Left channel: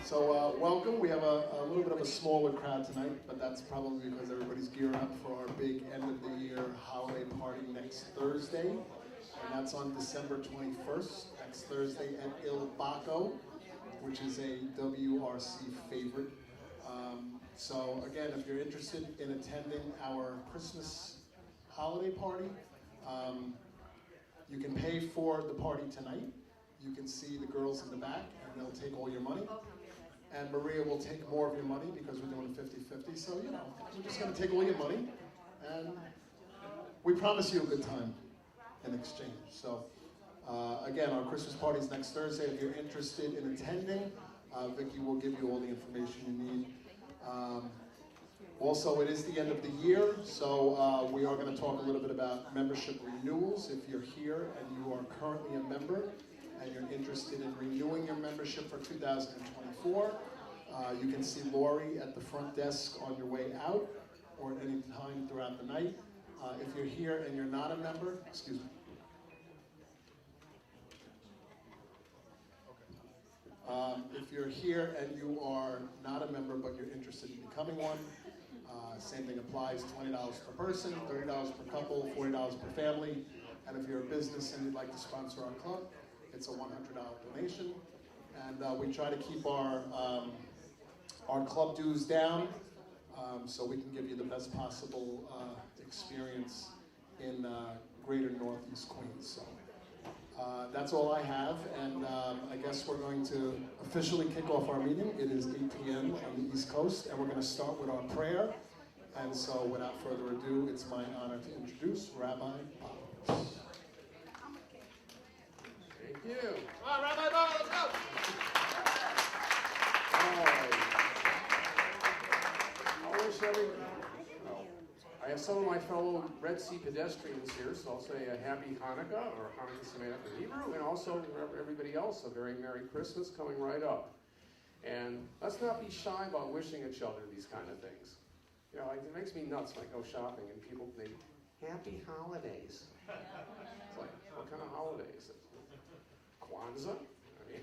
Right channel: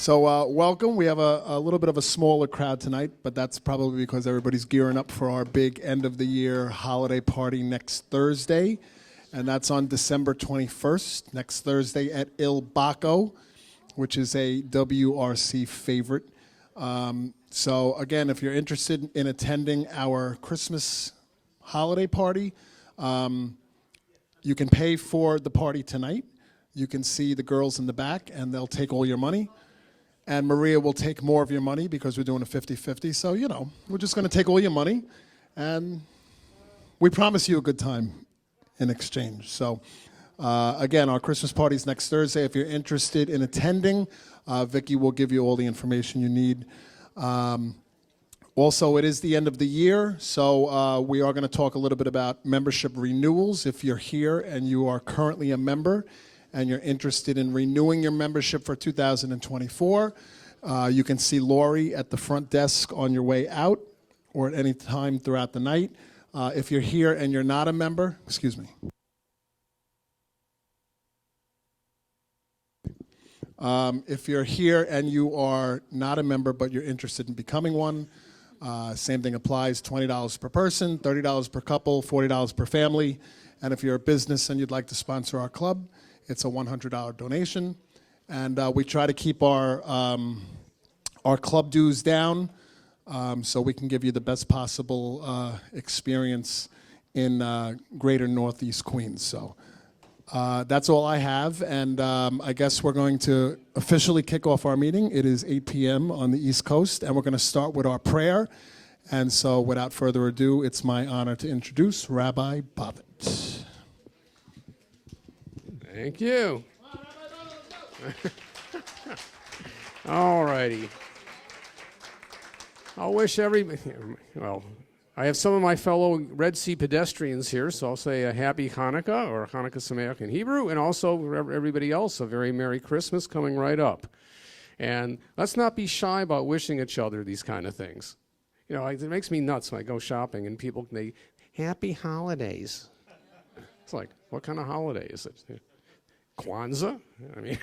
So welcome. We have a little bit of a smaller crowd tonight, but that's probably because everybody's gearing up for our big end of the year holiday party next Thursday. And that's on December 21st, next Thursday at Il Bacco, which is a WRC favorite. So again, if you're interested in attending our Christmas holiday party, you can pay for the party tonight. You can see the girls in the back, and they'll take all your money. And Maria will take more of your money because we're doing a 50-50. So, you know, we're just going to take all your money, and we promise you a good time in exchange. So, again, our Christmas party is next Thursday. If you're interested in attending, Vicky will give you all the information you need. Also, it is the end of the year, so we are going to talk a little bit about membership renewals. If you're here and you are currently a member and you're interested in renewing your membership for 2024, you can see Lori at the front desk on your way out or at any time throughout the night. If you're here and you're not a member, excuse me. If you're here and you are not a member but you're interested in becoming one, same thing applies, $20 per person, $30 per couple, $40 per family. And if you're a business and you'd like to sponsor our club, it's a $100 donation. And we try to keep our club dues down so we can give you the best possible experience in greater Northeast Queens. So that's all I have. And I guess we're going to officially kick off our meeting. It is 8 p.m. on the East Coast, and we're going to start with our prayer. And so without further ado, it's my honor to introduce Rabbi Bobbitt. Thank you. All righty. I'll wish well, I have some of my fellow Red Sea pedestrians here, so I'll say a happy Hanukkah, or Hanukkah Sameach in Hebrew, and also everybody else a very Merry Christmas coming right up. And let's not be shy about wishing each other these kind of things. You know, it makes me nuts when I go shopping and people, happy holidays. It's like, what kind of holiday is it? Kwanzaa? I mean,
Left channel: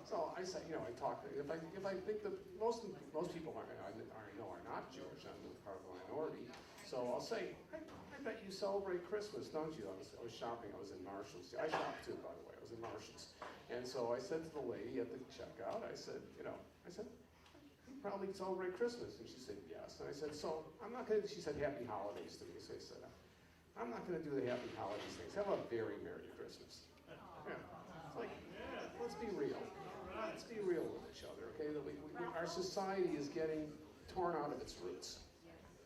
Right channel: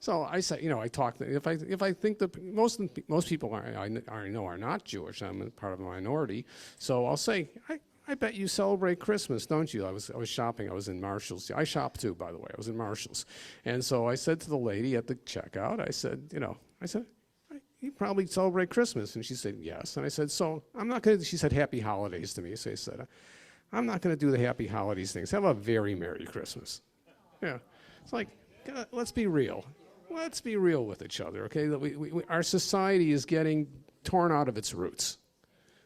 so I say, you know, I talk. If I think that most people are not Jewish. I'm part of a minority, so I'll say, I bet you celebrate Christmas, don't you? I was shopping. I was in Marshalls. I shop too, by the way. I was in Marshalls, and so I said to the lady at the checkout, I said, you probably celebrate Christmas, and she said yes. And I said, so I'm not gonna. She said, Happy Holidays to me. So I said, I'm not going to do the Happy Holidays things. Have a very Merry Christmas. Yeah. It's like, let's be real. Let's be real with each other, okay? Our society is getting torn out of its roots.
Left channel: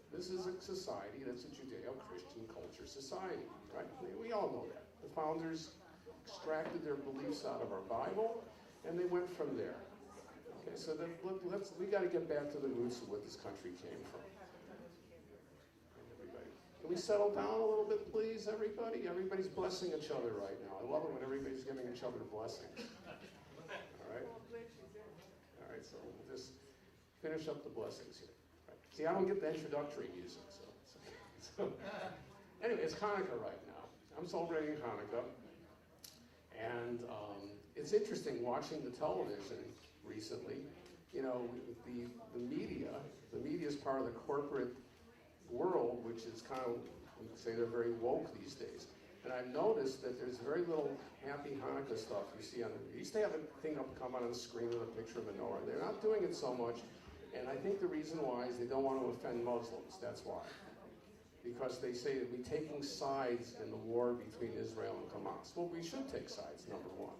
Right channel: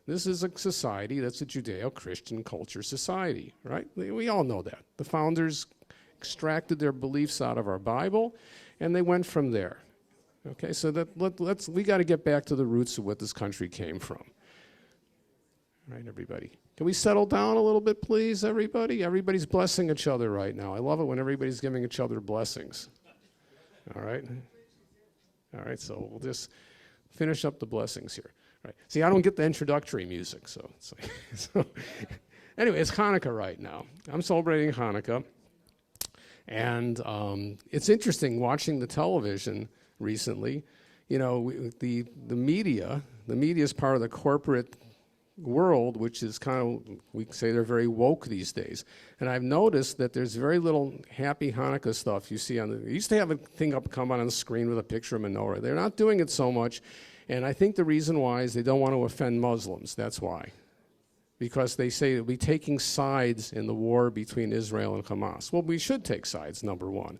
This is a society that's a Judeo-Christian culture society, right? We all know that. The founders extracted their beliefs out of our Bible, and they went from there. Okay, so we got to get back to the roots of what this country came from. Right, everybody? Can we settle down a little bit, please, everybody? Everybody's blessing each other right now. I love it when everybody's giving each other blessings. All right? All right, so we'll just finish up the blessings here. Right. See, I don't get the introductory music, so anyway, it's Hanukkah right now. I'm celebrating Hanukkah, and it's interesting watching the television recently. You know, the media is part of the corporate world, which is kind of, we say they're very woke these days. And I've noticed that there's very little happy Hanukkah stuff you see you used to have a thing come on the screen with a picture of menorah. They're not doing it so much, and I think the reason why is they don't want to offend Muslims. That's why. Because they say that we're taking sides in the war between Israel and Hamas. Well, we should take sides, number one.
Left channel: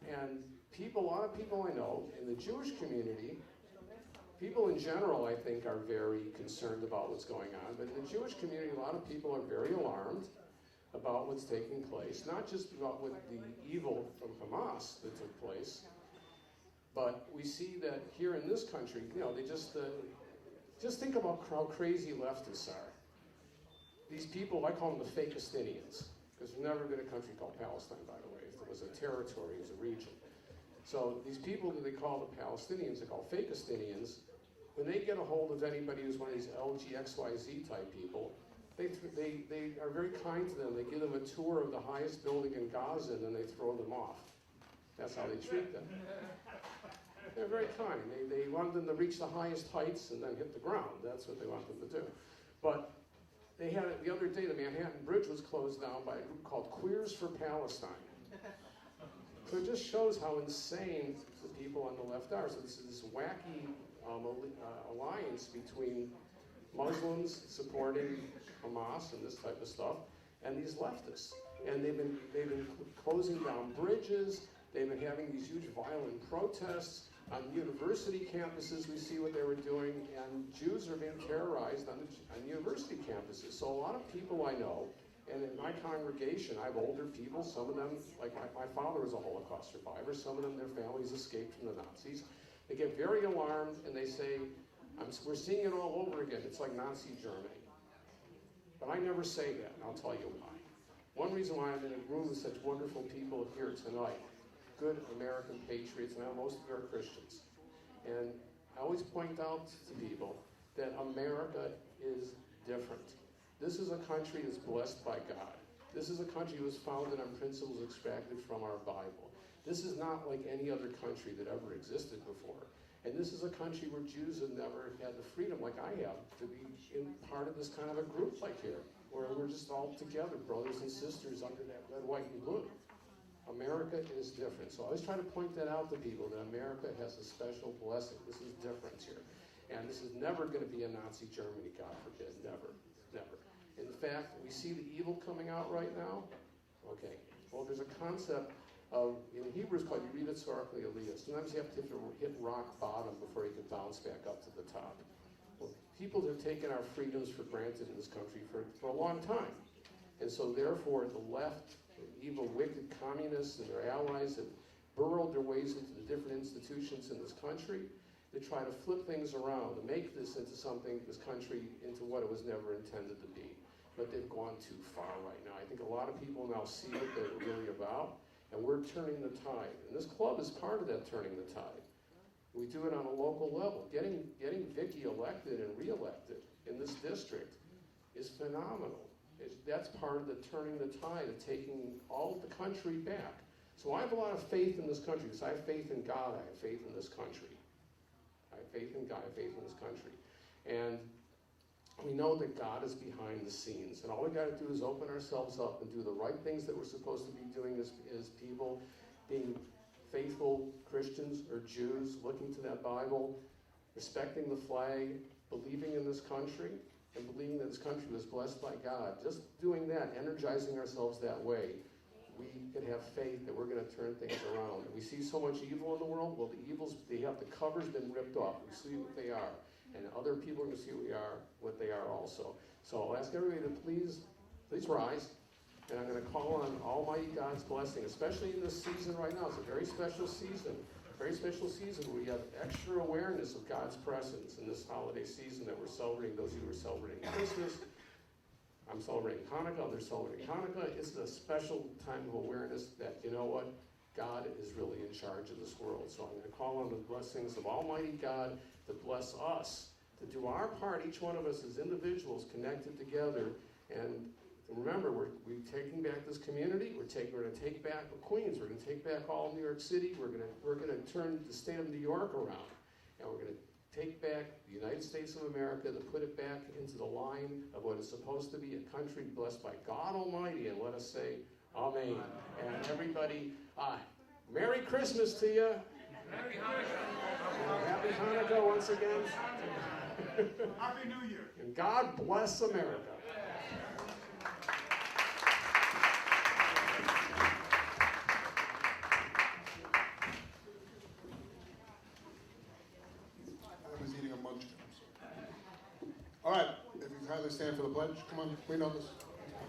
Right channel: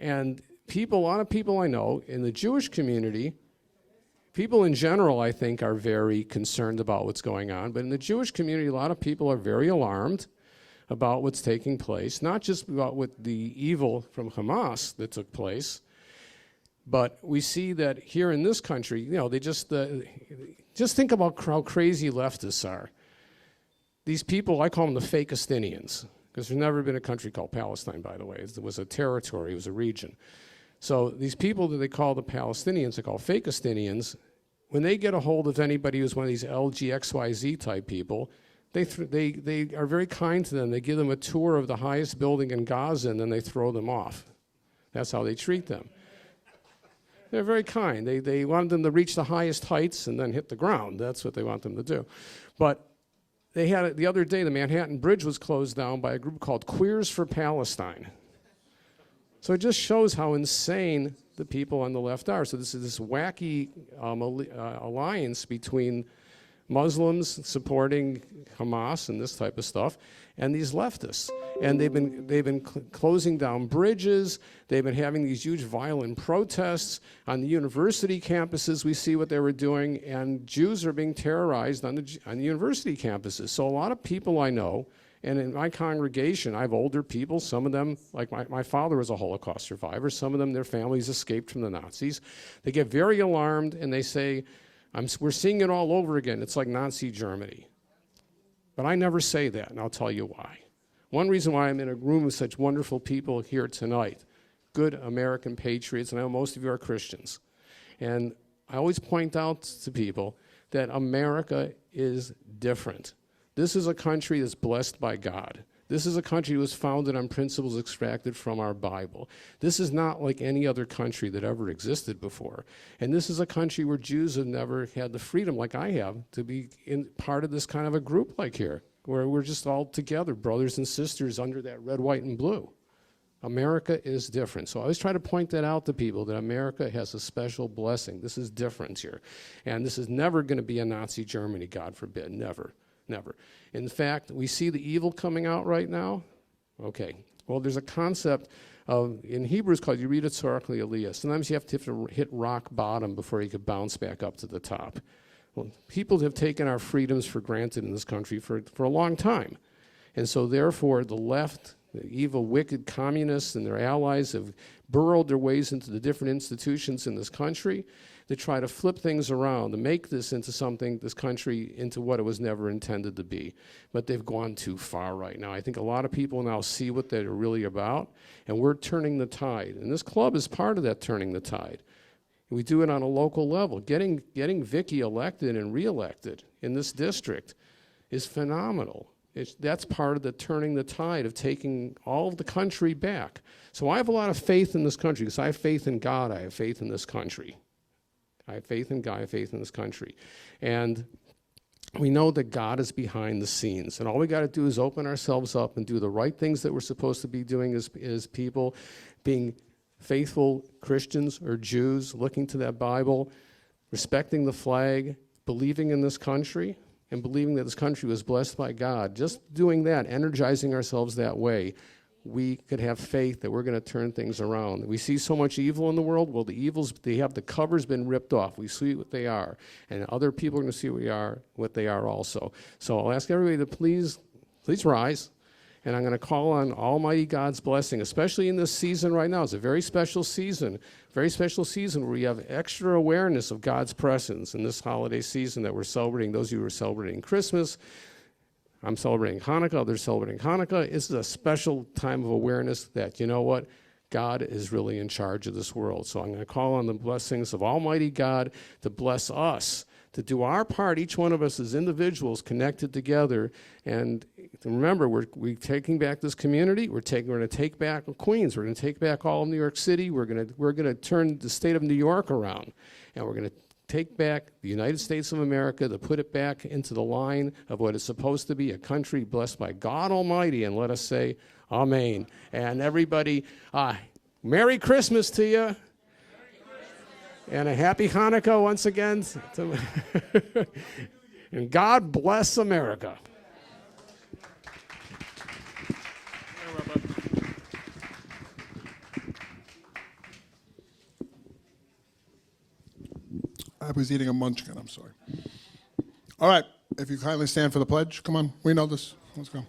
And a lot of people I know in the Jewish community, people in general, I think, are very concerned about what's going on. But in the Jewish community, a lot of people are very alarmed about what's taking place, not just about what the evil from Hamas that took place, but we see that here in this country, you know, they just think about how crazy leftists are. These people, I call them the Fakistinians, because there's never been a country called Palestine, by the way. It was a territory, it was a region. So these people that they call the Palestinians, they call Fakistinians, when they get a hold of anybody who's one of these LGXYZ type people, they are very kind to them. They give them a tour of the highest building in Gaza, and then they throw them off. That's how they treat them. They're very kind. They want them to reach the highest heights and then hit the ground. That's what they want them to do. But they had it the other day, the Manhattan Bridge was closed down by a group called Queers for Palestine. So it just shows how insane the people on the left are. So this is this wacky alliance between Muslims supporting Hamas and this type of stuff, and these leftists. And they've been closing down bridges. They've been having these huge violent protests on the university campuses. We see what they were doing, and Jews are being terrorized on the university campuses. So a lot of people I know, and in my congregation, I have older people. Some of them, like my father was a Holocaust survivor. Some of them, their families escaped from the Nazis. They get very alarmed, and they say, we're seeing it all over again. It's like Nazi Germany. But I never say that, and I'll tell you why. One reason why I'm in a room with such wonderful people here tonight, good American patriots, and I know most of you are Christians. And I always point out to people that America is different. This is a country that's blessed by God. This is a country that was founded on principles extracted from our Bible. This is not like any other country that ever existed before. And this is a country where Jews have never had the freedom, like I have, to be in part of this kind of a group like here, where we're just all together, brothers and sisters under that red, white, and blue. America is different. So I always try to point that out to people, that America has a special blessing. This is different here. And this is never going to be a Nazi Germany, God forbid. Never, never. In fact, we see the evil coming out right now. Okay. Well, there's a concept in Hebrew it's called Yerida Tzarech L'Aliyah. Sometimes you have to hit rock bottom before you can bounce back up to the top. Well, people have taken our freedoms for granted in this country for a long time. And so therefore, the left, the evil, wicked communists and their allies have burrowed their ways into the different institutions in this country to try to flip things around, to make this into something, this country, into what it was never intended to be. But they've gone too far right now. I think a lot of people now see what they're really about, and we're turning the tide. And this club is part of that turning the tide. We do it on a local level. Getting Vicky elected and reelected in this district is phenomenal. That's part of the turning the tide of taking all of the country back. So I have a lot of faith in this country, because I have faith in God, I have faith in this country. I have faith in God, I have faith in this country. And we know that God is behind the scenes. And all we got to do is open ourselves up and do the right things that we're supposed to be doing as people, being faithful Christians or Jews, looking to that Bible, respecting the flag, believing in this country, and believing that this country was blessed by God. Just doing that, energizing ourselves that way, we could have faith that we're going to turn things around. We see so much evil in the world. Well, the evils, the cover's been ripped off. We see what they are. And other people are going to see what they are also. So I'll ask everybody to please rise. And I'm going to call on Almighty God's blessing, especially in this season right now. It's a very special season where we have extra awareness of God's presence in this holiday season that we're celebrating. Those of you who are celebrating Christmas, I'm celebrating Hanukkah, others celebrating Hanukkah. It's a special time of awareness that, you know what, God is really in charge of this world. So I'm going to call on the blessings of Almighty God to bless us, to do our part, each one of us as individuals connected together. And remember, we're taking back this community. We're going to take back Queens. We're going to take back all of New York City. We're going to turn the state of New York around. And we're going to take back the United States of America, to put it back into the line of what is supposed to be a country blessed by God Almighty. And let us say, Amen. And everybody, Merry Christmas to you. And a Happy Hanukkah once again. And God bless America. I was eating a munchkin, I'm sorry. All right, if you kindly stand for the pledge. Come on, we know this. Let's go.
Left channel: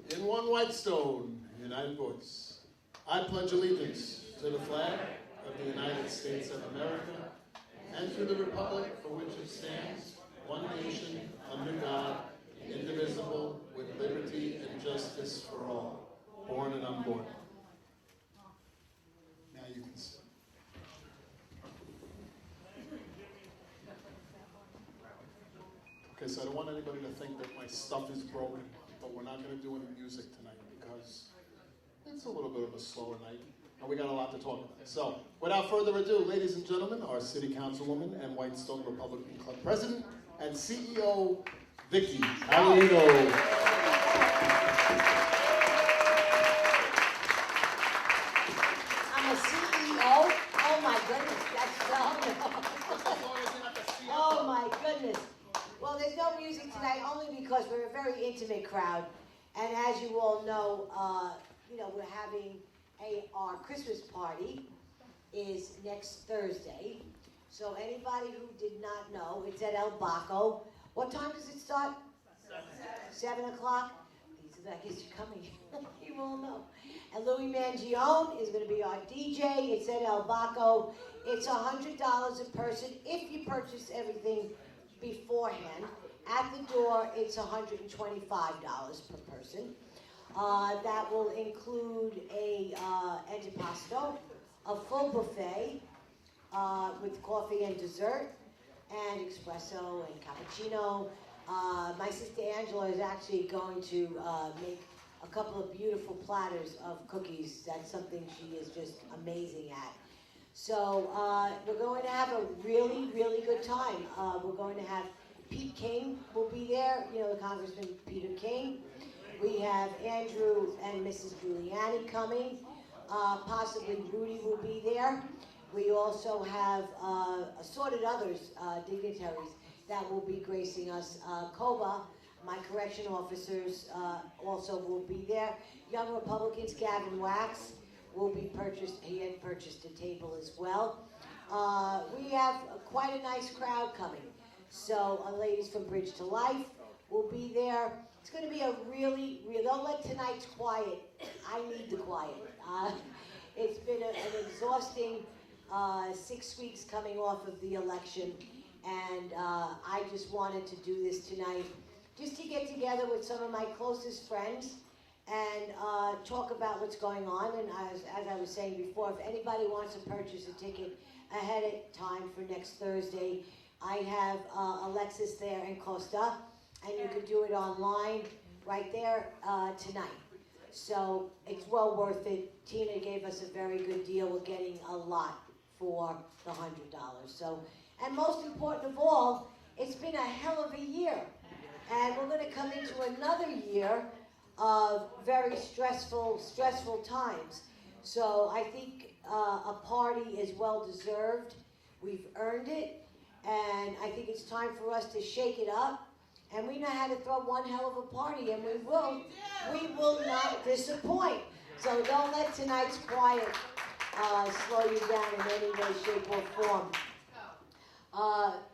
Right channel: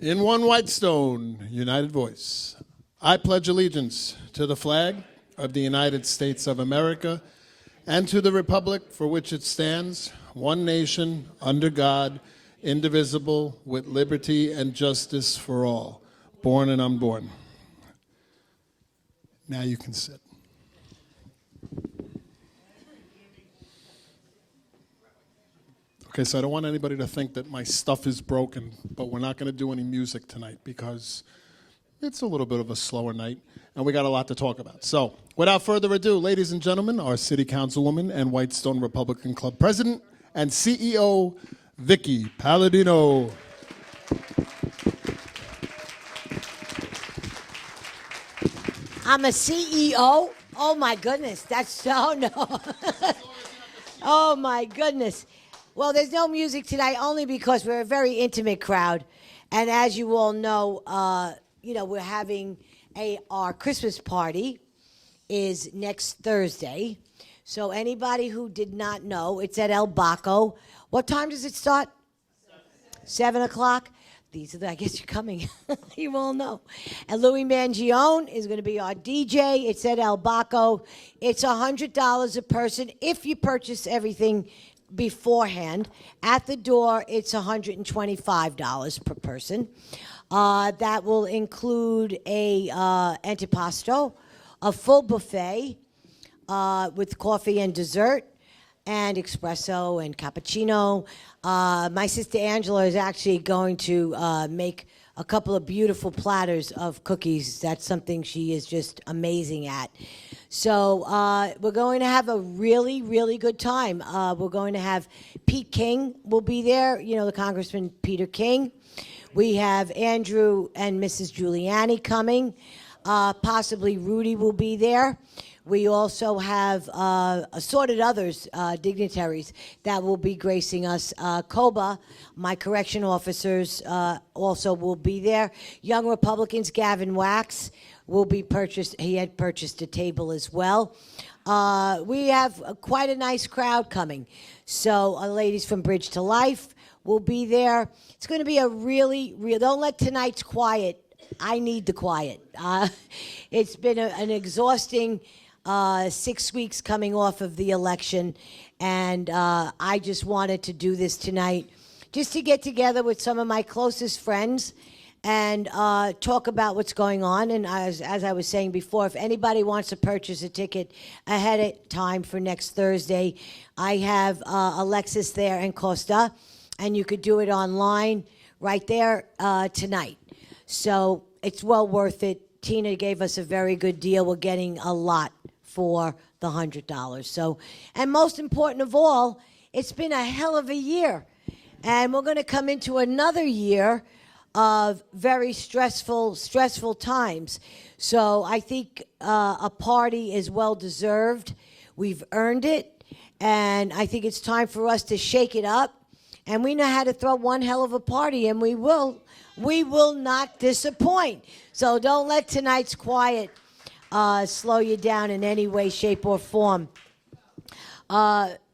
In one white stone, united voice, I pledge allegiance to the flag of the United States of America and to the republic for which it stands, one nation, under God, indivisible, with liberty and justice for all, born and unborn. Now you can sit. Okay, so I don't want anybody to think that my stuff is broken, but we're not going to do any music tonight because it's a little bit of a slower night, and we got a lot to talk about. So, without further ado, ladies and gentlemen, our City Councilwoman and Whitestone Republican Club President and CEO, Vicky Palladino. I'm a CEO? Oh my goodness, that's so no. Oh my goodness. Well, there's no music tonight only because we're a very intimate crowd. And as you all know, we're having our Christmas party is next Thursday. So anybody who did not know, it's at El Baco. What time does it start? 7 o'clock. I guess you're coming. You all know. And Louis Mangione is going to be our DJ. It's at El Baco. It's $100 a person if you purchase everything beforehand. At the door, it's $125 per person. That will include a antipasto, a full buffet with coffee and dessert, and espresso and cappuccino. My sister Angela is actually going to make a couple of beautiful platters of cookies. That's something she is just amazing at. So we're going to have a really, really good time. We're going to have Pete King will be there, the Congressman Peter King. We have Andrew and Mrs. Giuliani coming. Possibly Rudy will be there. We also have assorted others, dignitaries, that will be gracing us. COBA, my correction officers, also will be there. Young Republicans, Gavin Wax, will be purchased. He had purchased a table as well. We have quite a nice crowd coming. So ladies from Bridge to Life will be there. It's going to be a really, don't let tonight's quiet. I need the quiet. It's been an exhausting 6 weeks coming off of the election, and I just wanted to do this tonight just to get together with some of my closest friends and talk about what's going on. And as I was saying before, if anybody wants to purchase a ticket ahead of time for next Thursday, I have Alexis there and Costa, and you could do it online right there tonight. So it's well worth it. Tina gave us a very good deal. We're getting a lot for the $100. So, and most important of all, it's been a hell of a year. And we're going to come into another year of very stressful times. So I think a party is well deserved. We've earned it. And I think it's time for us to shake it up. And we know how to throw one hell of a party, and we will not disappoint. So don't let tonight's quiet slow you down in any way, shape, or form.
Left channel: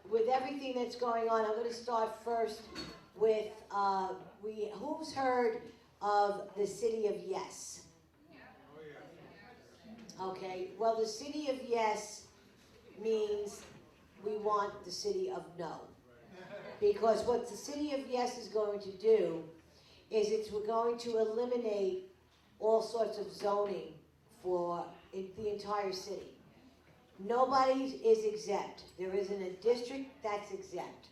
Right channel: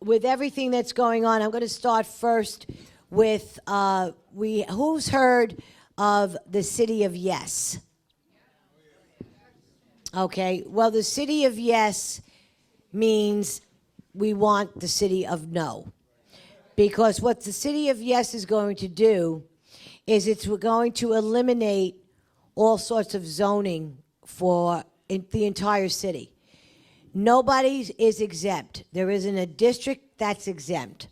With everything that's going on, I'm going to start first with who's heard of the City of Yes? Okay, well, the City of Yes means we want the City of No. Because what the City of Yes is going to do is it's going to eliminate all sorts of zoning for the entire city. Nobody is exempt. There isn't a district that's exempt.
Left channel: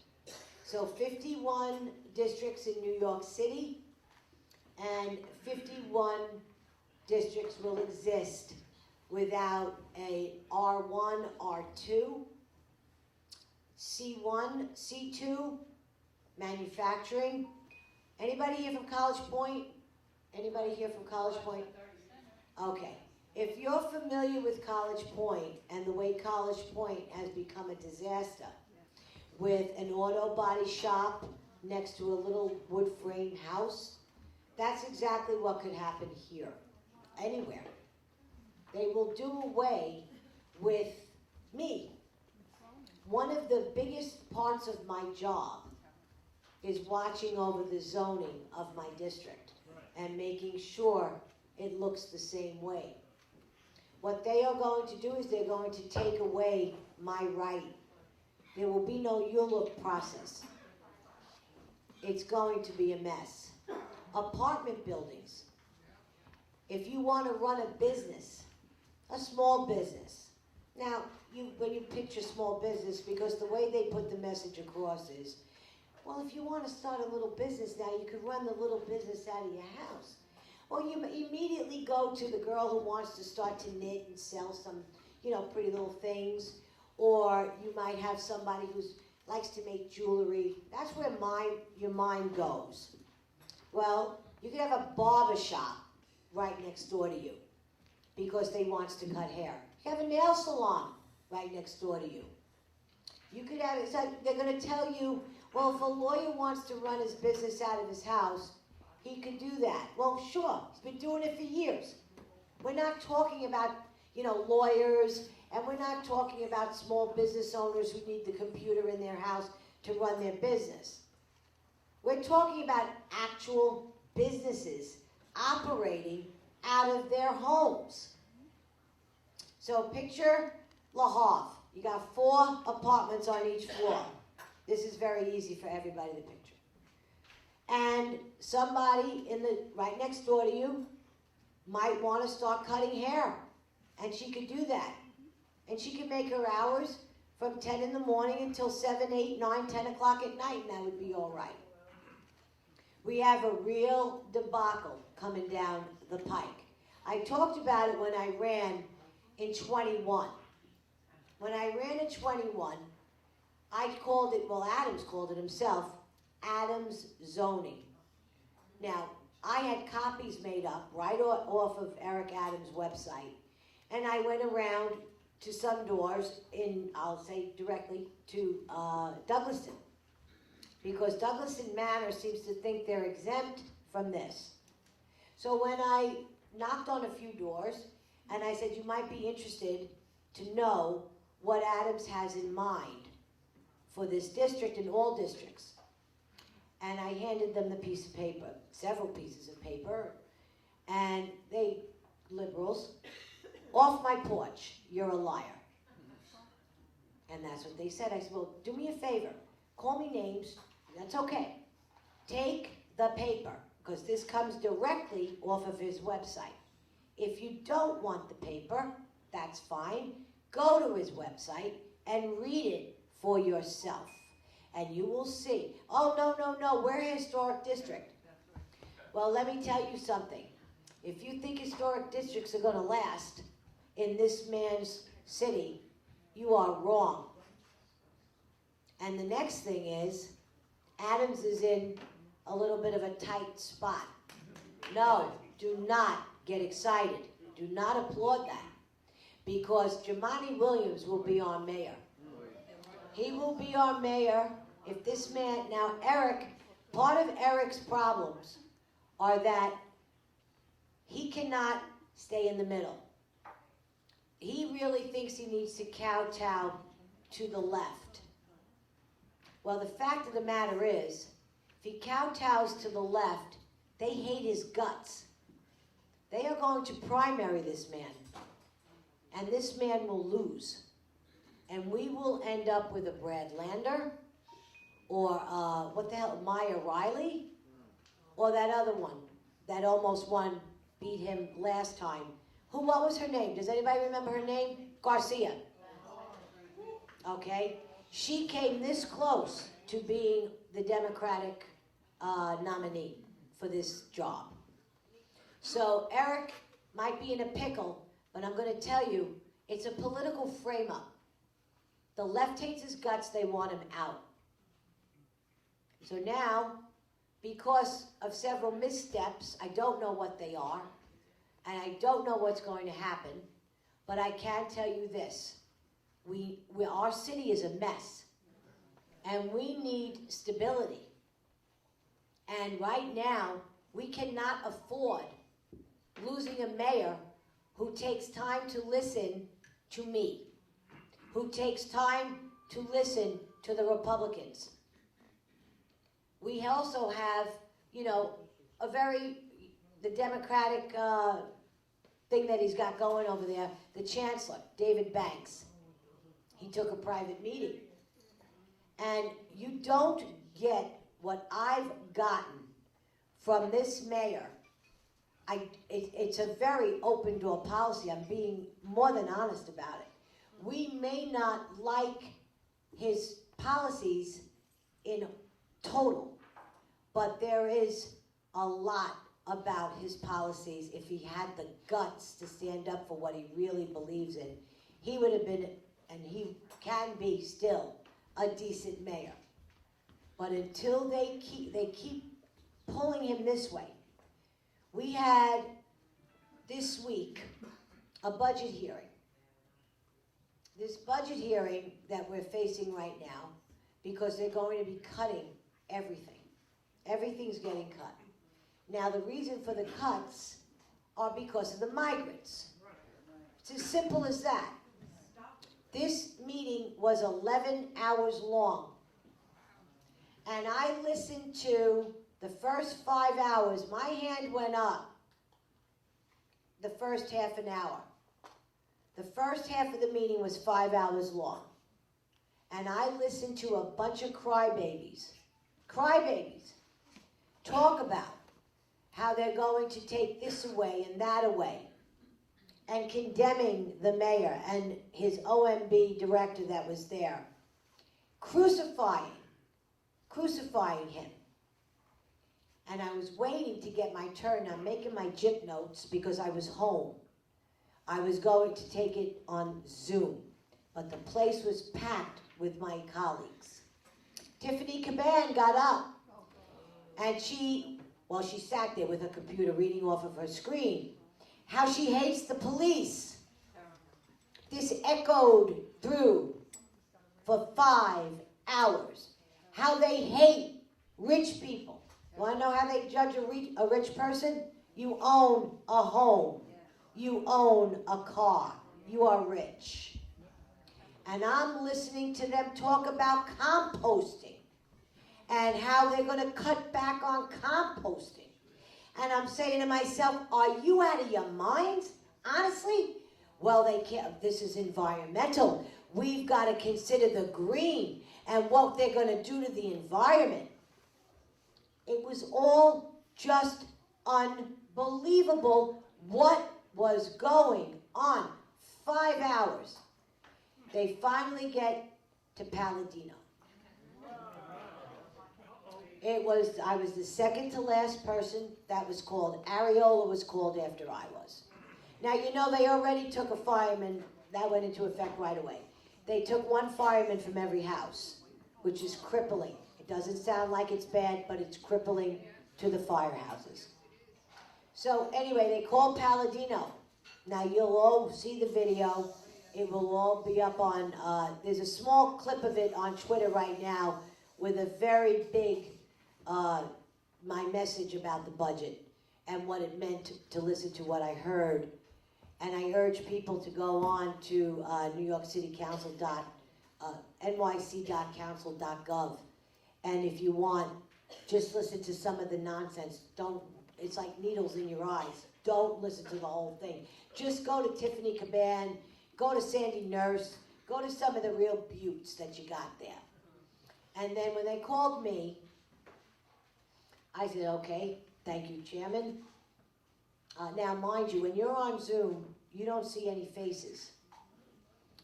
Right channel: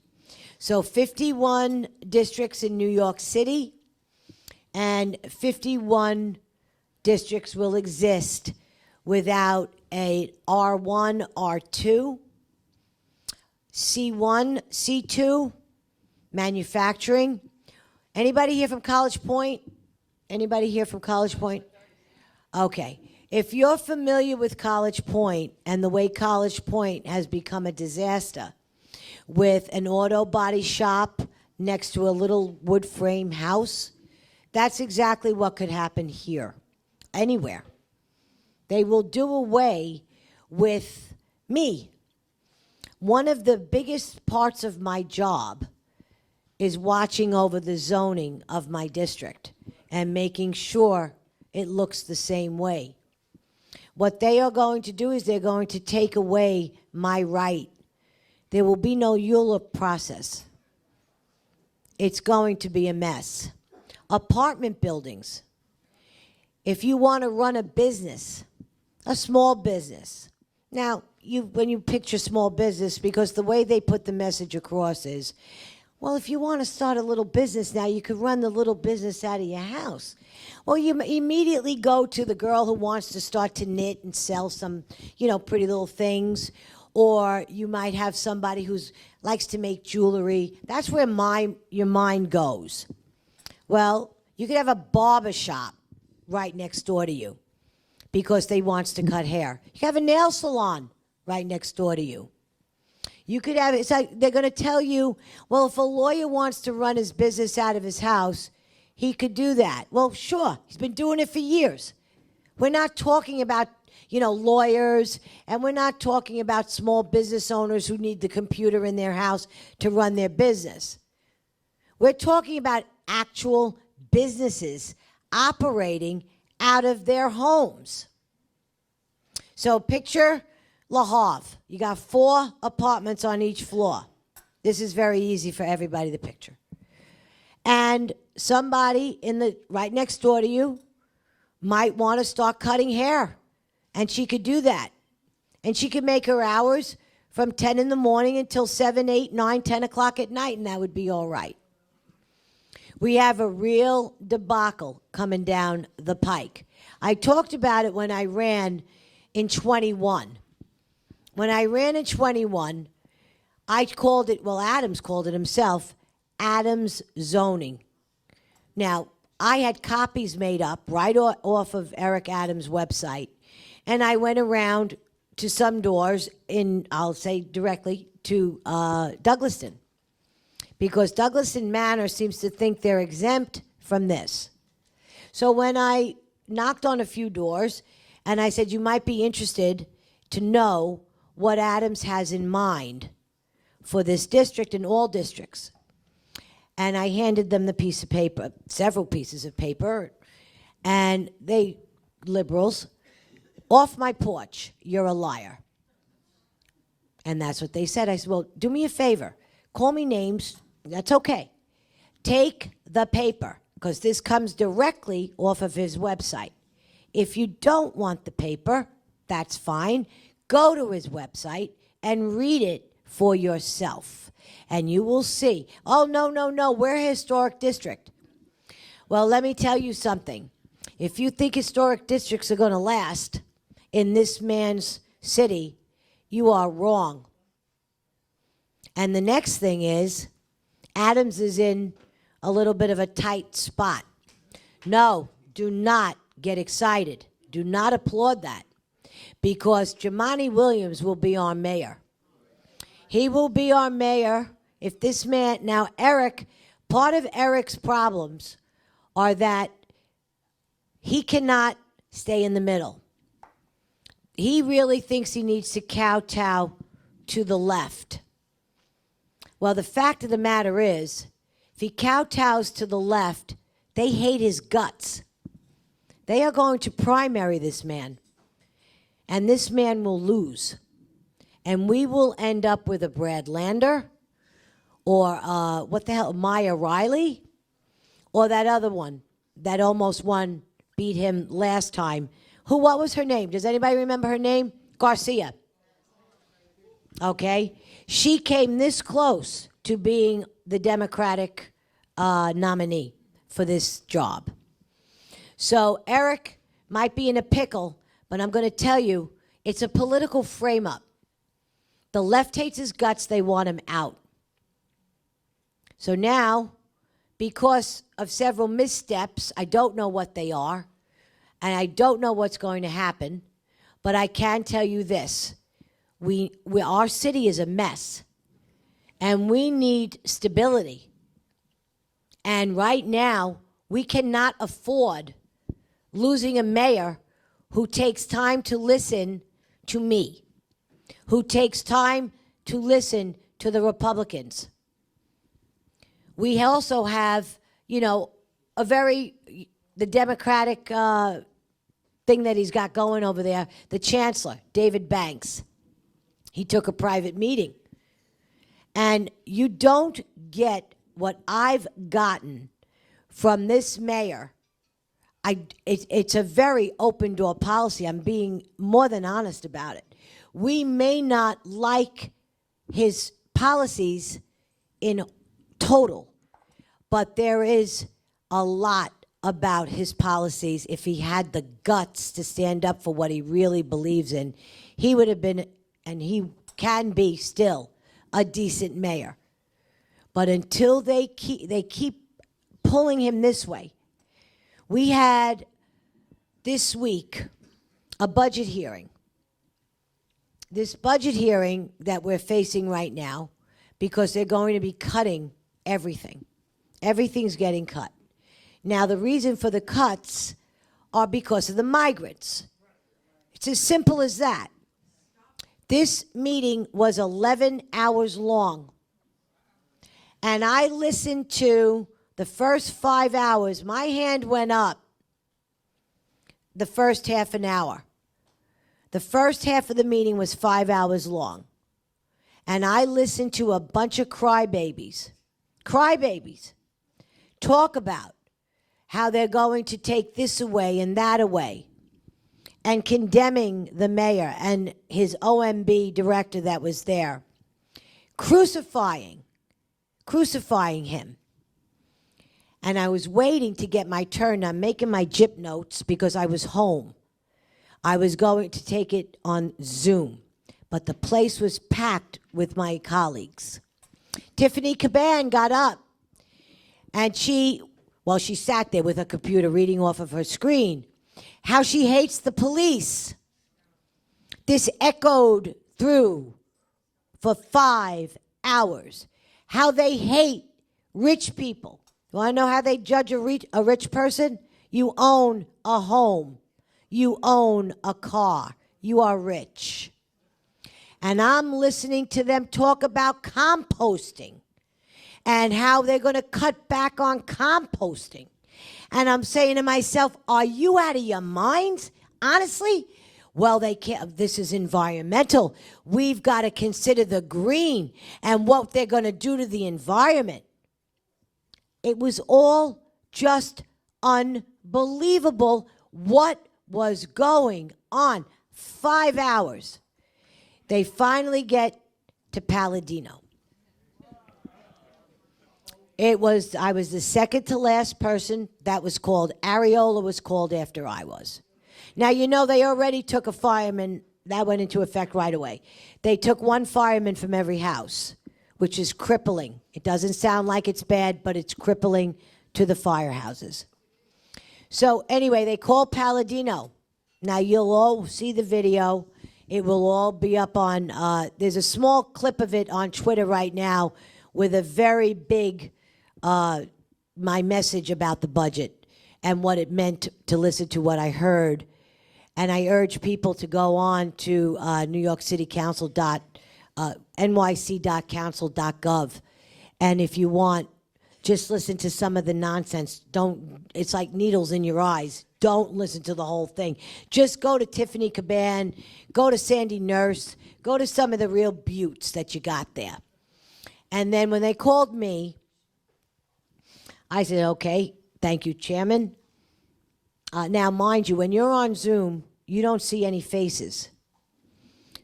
So 51 districts in New York City and 51 districts will exist without a R1, R2, C1, C2, manufacturing. Anybody here from College Point? Anybody here from College Point? Okay. If you're familiar with College Point and the way College Point has become a disaster with an auto body shop next to a little wood frame house, that's exactly what could happen here, anywhere. They will do away with me. One of the biggest parts of my job is watching over the zoning of my district and making sure it looks the same way. What they are going to do is they're going to take away my right. There will be no ULUP process. It's going to be a mess. Apartment buildings. If you want to run a business, a small business. Now, when you picture small business, because the way they put the message across is, well, if you want to start a little business now, you could run the little business out of your house. Well, you immediately go to the girl who wants to start to knit and sell some, pretty little things. Or you might have somebody who likes to make jewelry. That's where your mind goes. Well, you could have a barber shop right next door to you because they wants to cut hair. You could have a nail salon right next door to you. You could have, it's like they're going to tell you, well, if a lawyer wants to run his business out of his house, he could do that. Well, sure, he's been doing it for years. We're not talking about, lawyers, and we're not talking about small business owners who need the computer in their house to run their business. We're talking about actual businesses operating out of their homes. So picture La Havre. You got 4 apartments on each floor. This is very easy for everybody to picture. And somebody right next door to you might want to start cutting hair. And she could do that. And she could make her hours from 10 in the morning until 7, 8, 9, 10 o'clock at night, and that would be all right. We have a real debacle coming down the pike. I talked about it when I ran in 21. When I ran in 21, I called it, Adams called it himself, Adams zoning. Now, I had copies made up right off of Eric Adams' website, and I went around to some doors I'll say directly, to Douglaston. Because Douglaston Manor seems to think they're exempt from this. So when I knocked on a few doors, and I said, you might be interested to know what Adams has in mind for this district and all districts. And I handed them the piece of paper, several pieces of paper, and they, liberals, off my porch, you're a liar. And that's what they said. I said, well, do me a favor. Call me names. That's okay. Take the paper, because this comes directly off of his website. If you don't want the paper, that's fine. Go to his website and read it for yourself. And you will see, oh, no, we're a historic district. Well, let me tell you something. If you think historic districts are going to last in this man's city, you are wrong. And the next thing is, Adams is in a little bit of a tight spot. No, do not get excited. Do not applaud that. Because Jumaane Williams will be our mayor. He will be our mayor if this man... Now, Eric, part of Eric's problems are that he cannot stay in the middle. He really thinks he needs to kowtow to the left. Well, the fact of the matter is, if he kowtows to the left, they hate his guts. They are going to primary this man. And this man will lose. And we will end up with a Brad Lander, or Maya Riley, or that other one that almost beat him last time. What was her name? Does anybody remember her name? Garcia. Okay. She came this close to being the Democratic nominee for this job. So Eric might be in a pickle, but I'm going to tell you, it's a political frame-up. The left hates his guts. They want him out. So now, because of several missteps, I don't know what they are, and I don't know what's going to happen, but I can tell you this. Our city is a mess, and we need stability. And right now, we cannot afford losing a mayor who takes time to listen to me, who takes time to listen to the Republicans. We also have, the Democratic thing that he's got going over there, the Chancellor, David Banks. He took a private meeting. And you don't get what I've gotten from this mayor. It's a very open door policy. I'm being more than honest about it. We may not like his policies in total, but there is a lot about his policies, if he had the guts to stand up for what he really believes in, he would have been, and he can be still, a decent mayor. But until they keep pulling him this way. We had this week a budget hearing. This budget hearing that we're facing right now, because they're going to be cutting everything. Everything's getting cut. Now, the reason for the cuts are because of the migrants. It's as simple as that. This meeting was 11 hours long. And I listened to the first 5 hours. My hand went up the first half an hour. The first half of the meeting was 5 hours long. And I listened to a bunch of crybabies talk about how they're going to take this away and that away, and condemning the mayor and his OMB director that was there, crucifying him. And I was waiting to get my turn. I'm making my JIP notes because I was home. I was going to take it on Zoom, but the place was packed with my colleagues. Tiffany Caban got up, and she sat there with her computer reading off of her screen how she hates the police. This echoed through for 5 hours. How they hate rich people. You want to know how they judge a rich person? You own a home. You own a car. You are rich. And I'm listening to them talk about composting and how they're going to cut back on composting. And I'm saying to myself, are you out of your minds? Honestly? Well, they can't. This is environmental. We've got to consider the green and what they're going to do to the environment. It was all just unbelievable what was going on. 5 hours. They finally get to Palladino. I was the second to last person that was called. Areola was called after I was. Now, you know, they already took a fireman. That went into effect right away. They took one fireman from every house, which is crippling. It doesn't sound like it's bad, but it's crippling to the firehouses. So anyway, they called Palladino. Now, you'll all see the video. It will all be up on, there's a small clip of it on Twitter right now with a very big, my message about the budget and what it meant to listen to what I heard. And I urge people to go on to nyc.council.gov. And if you want, just listen to some of the nonsense. It's like needles in your eyes. Don't listen to the whole thing. Just go to Tiffany Caban, go to Sandy Nurse, go to some of the real buttes that you got there. And then when they called me, I said, okay, thank you, Chairman. Now, mind you, when you're on Zoom, you don't see any faces.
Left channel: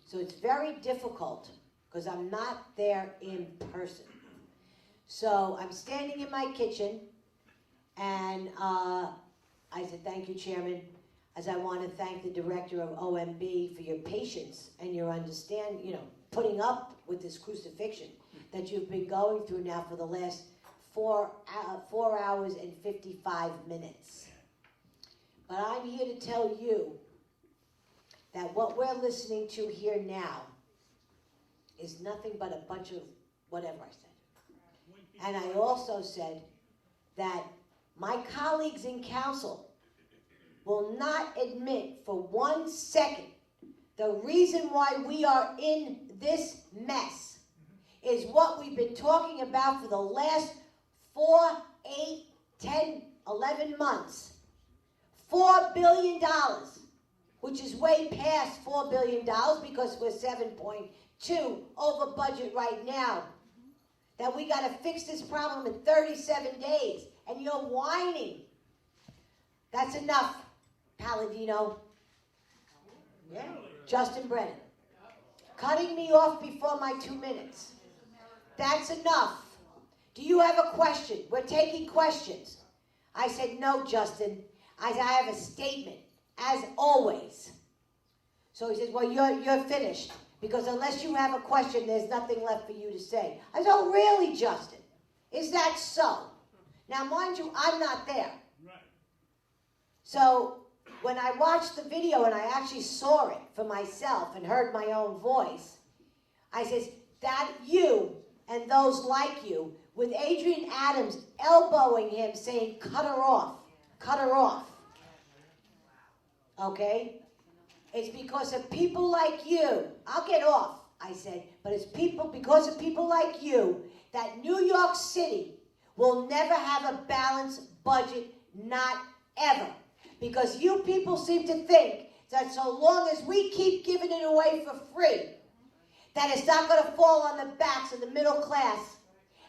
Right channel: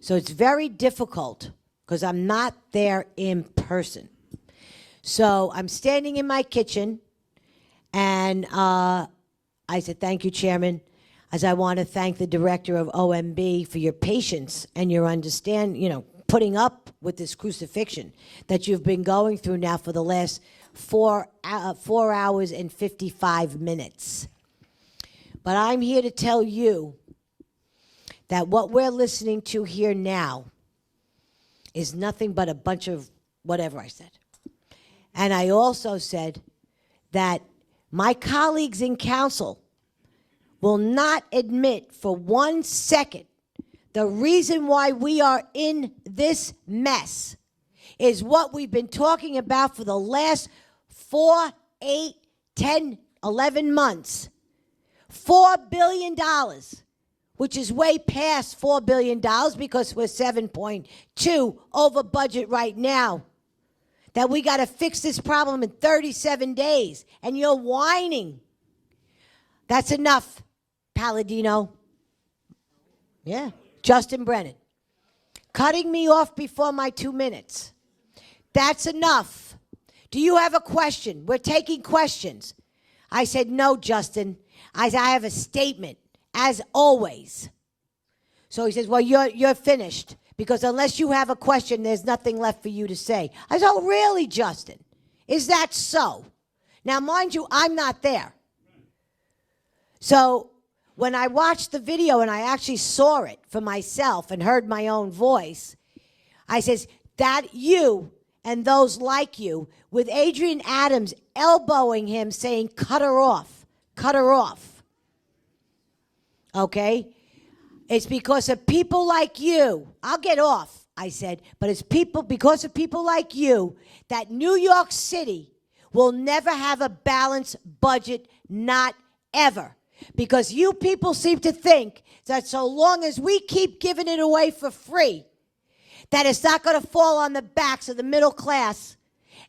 So it's very difficult because I'm not there in person. So I'm standing in my kitchen, and I said, thank you, Chairman, as I want to thank the director of OMB for your patience and your putting up with this crucifixion that you've been going through now for the last 4 hours and 55 minutes. But I'm here to tell you that what we're listening to here now is nothing but a bunch of whatever I said. And I also said that my colleagues in council will not admit for 1 second the reason why we are in this mess is what we've been talking about for the last 4, 8, 10, 11 months. $4 billion, which is way past $4 billion because we're 7.2 over budget right now. That we got to fix this problem in 37 days. And you're whining. That's enough, Palladino. Yeah, Justin Brennan. Cutting me off before my 2 minutes. That's enough. Do you have a question? We're taking questions. I said, no, Justin. I said, I have a statement, as always. So he says, well, you're finished. Because unless you have a question, there's nothing left for you to say. I said, oh, really, Justin? Is that so? Now, mind you, I'm not there. So when I watched the video and I actually saw it for myself and heard my own voice, I says, that you and those like you, with Adrian Adams elbowing him, saying, cut her off, cut her off. Okay? It's because of people like you. I'll get off, I said, but it's because of people like you that New York City will never have a balanced budget, not ever. Because you people seem to think that so long as we keep giving it away for free, that it's not going to fall on the backs of the middle class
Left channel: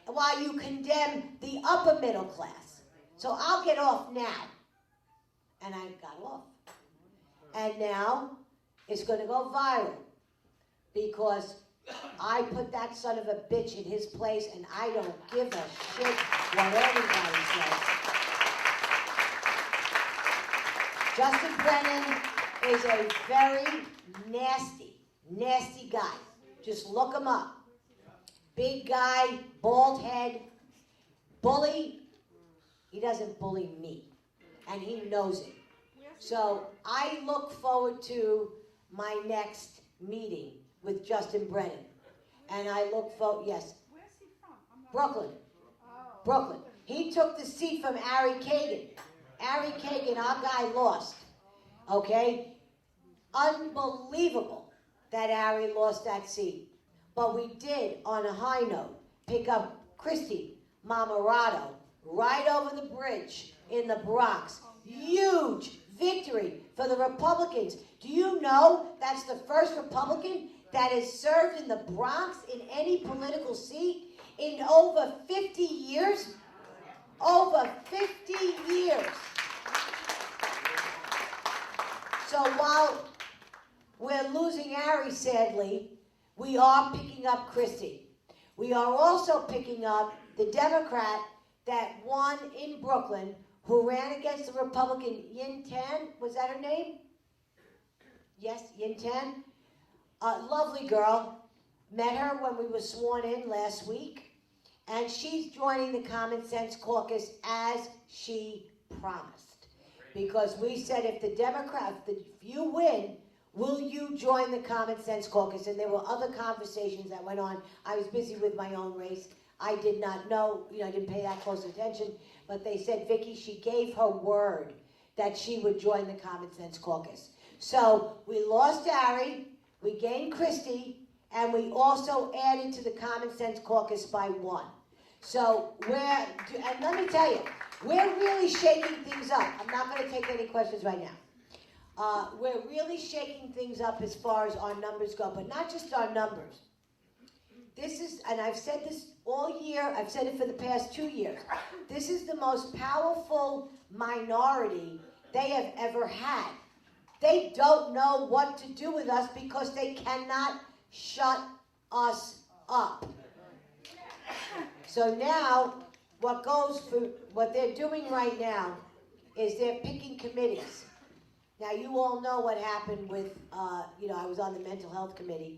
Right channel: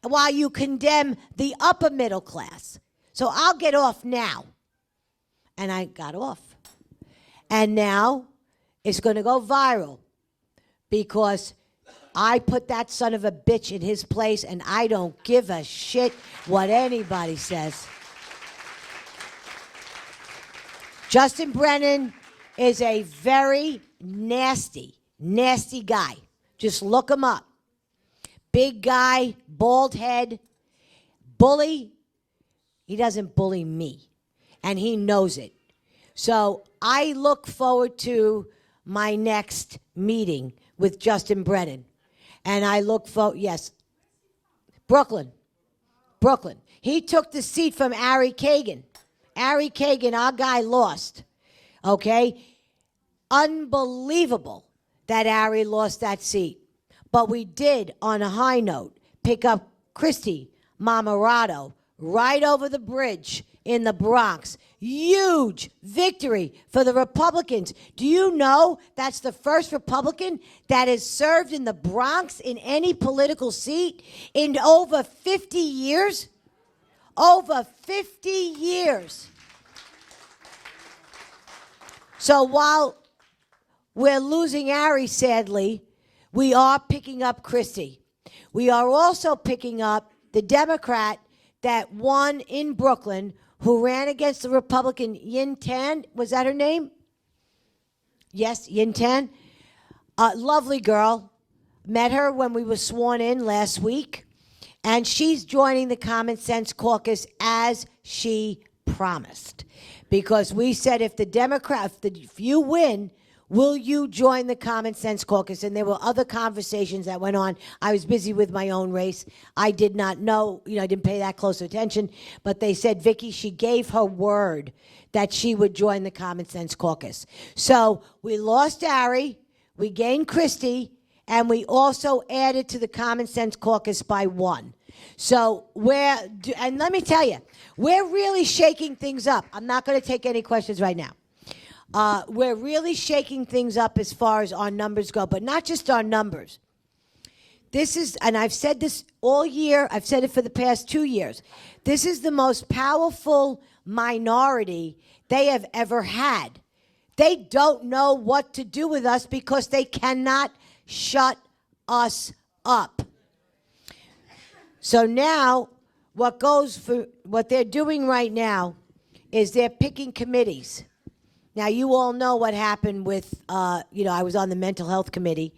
while you condemn the upper middle class. So I'll get off now. And I got off. And now it's going to go viral because I put that son of a bitch in his place and I don't give a shit what anybody says. Justin Brennan is a very nasty, nasty guy. Just look him up. Big guy, bald head, bully. He doesn't bully me, and he knows it. So I look forward to my next meeting with Justin Brennan. And I look for, yes. Where's he from? Brooklyn. Brooklyn. He took the seat from Ari Kagan. Ari Kagan, our guy, lost. Okay? Unbelievable that Ari lost that seat. But we did, on a high note, pick up Christy Mamarado right over the bridge in the Bronx. Huge victory for the Republicans. Do you know that's the first Republican that has served in the Bronx in any political seat in over 50 years? Over 50 years. So while we're losing Ari, sadly, we are picking up Christie. We are also picking up the Democrat that won in Brooklyn, who ran against the Republican Yin Tan. Was that her name? Yes, Yin Tan. Lovely girl. Met her when we were sworn in last week. And she's joining the Common Sense Caucus as she promised. Because we said if you win, will you join the Common Sense Caucus? And there were other conversations that went on. I was busy with my own race. I did not know, I didn't pay that close attention. But they said, Vicky, she gave her word that she would join the Common Sense Caucus. So we lost Ari, we gained Christie, and we also added to the Common Sense Caucus by one. So and let me tell you, we're really shaking things up. I'm not going to take any questions right now. We're really shaking things up as far as our numbers go, but not just our numbers. This is, and I've said this all year, I've said it for the past 2 years, this is the most powerful minority they have ever had. They don't know what to do with us because they cannot shut us up. So now, what they're doing right now is they're picking committees. Now, you all know what happened with, I was on the mental health committee.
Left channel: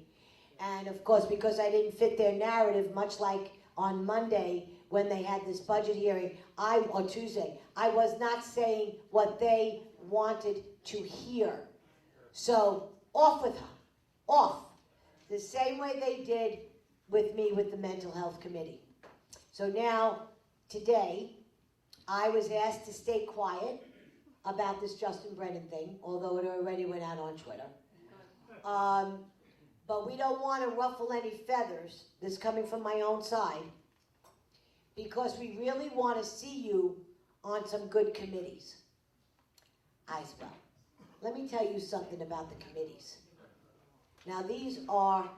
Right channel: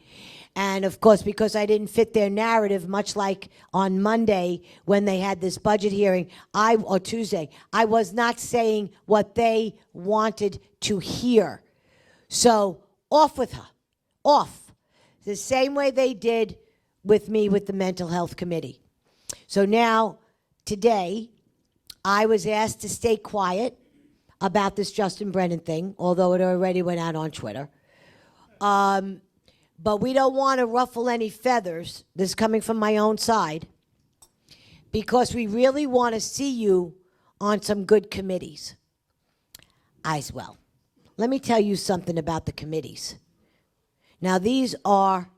And, of course, because I didn't fit their narrative, much like on Monday when they had this budget hearing, or Tuesday, I was not saying what they wanted to hear. So, off with her. Off. The same way they did with me with the mental health committee. So now, today, I was asked to stay quiet about this Justin Brennan thing, although it already went out on Twitter. But we don't want to ruffle any feathers. This is coming from my own side. Because we really want to see you on some good committees. As well. Let me tell you something about the committees. Now, these are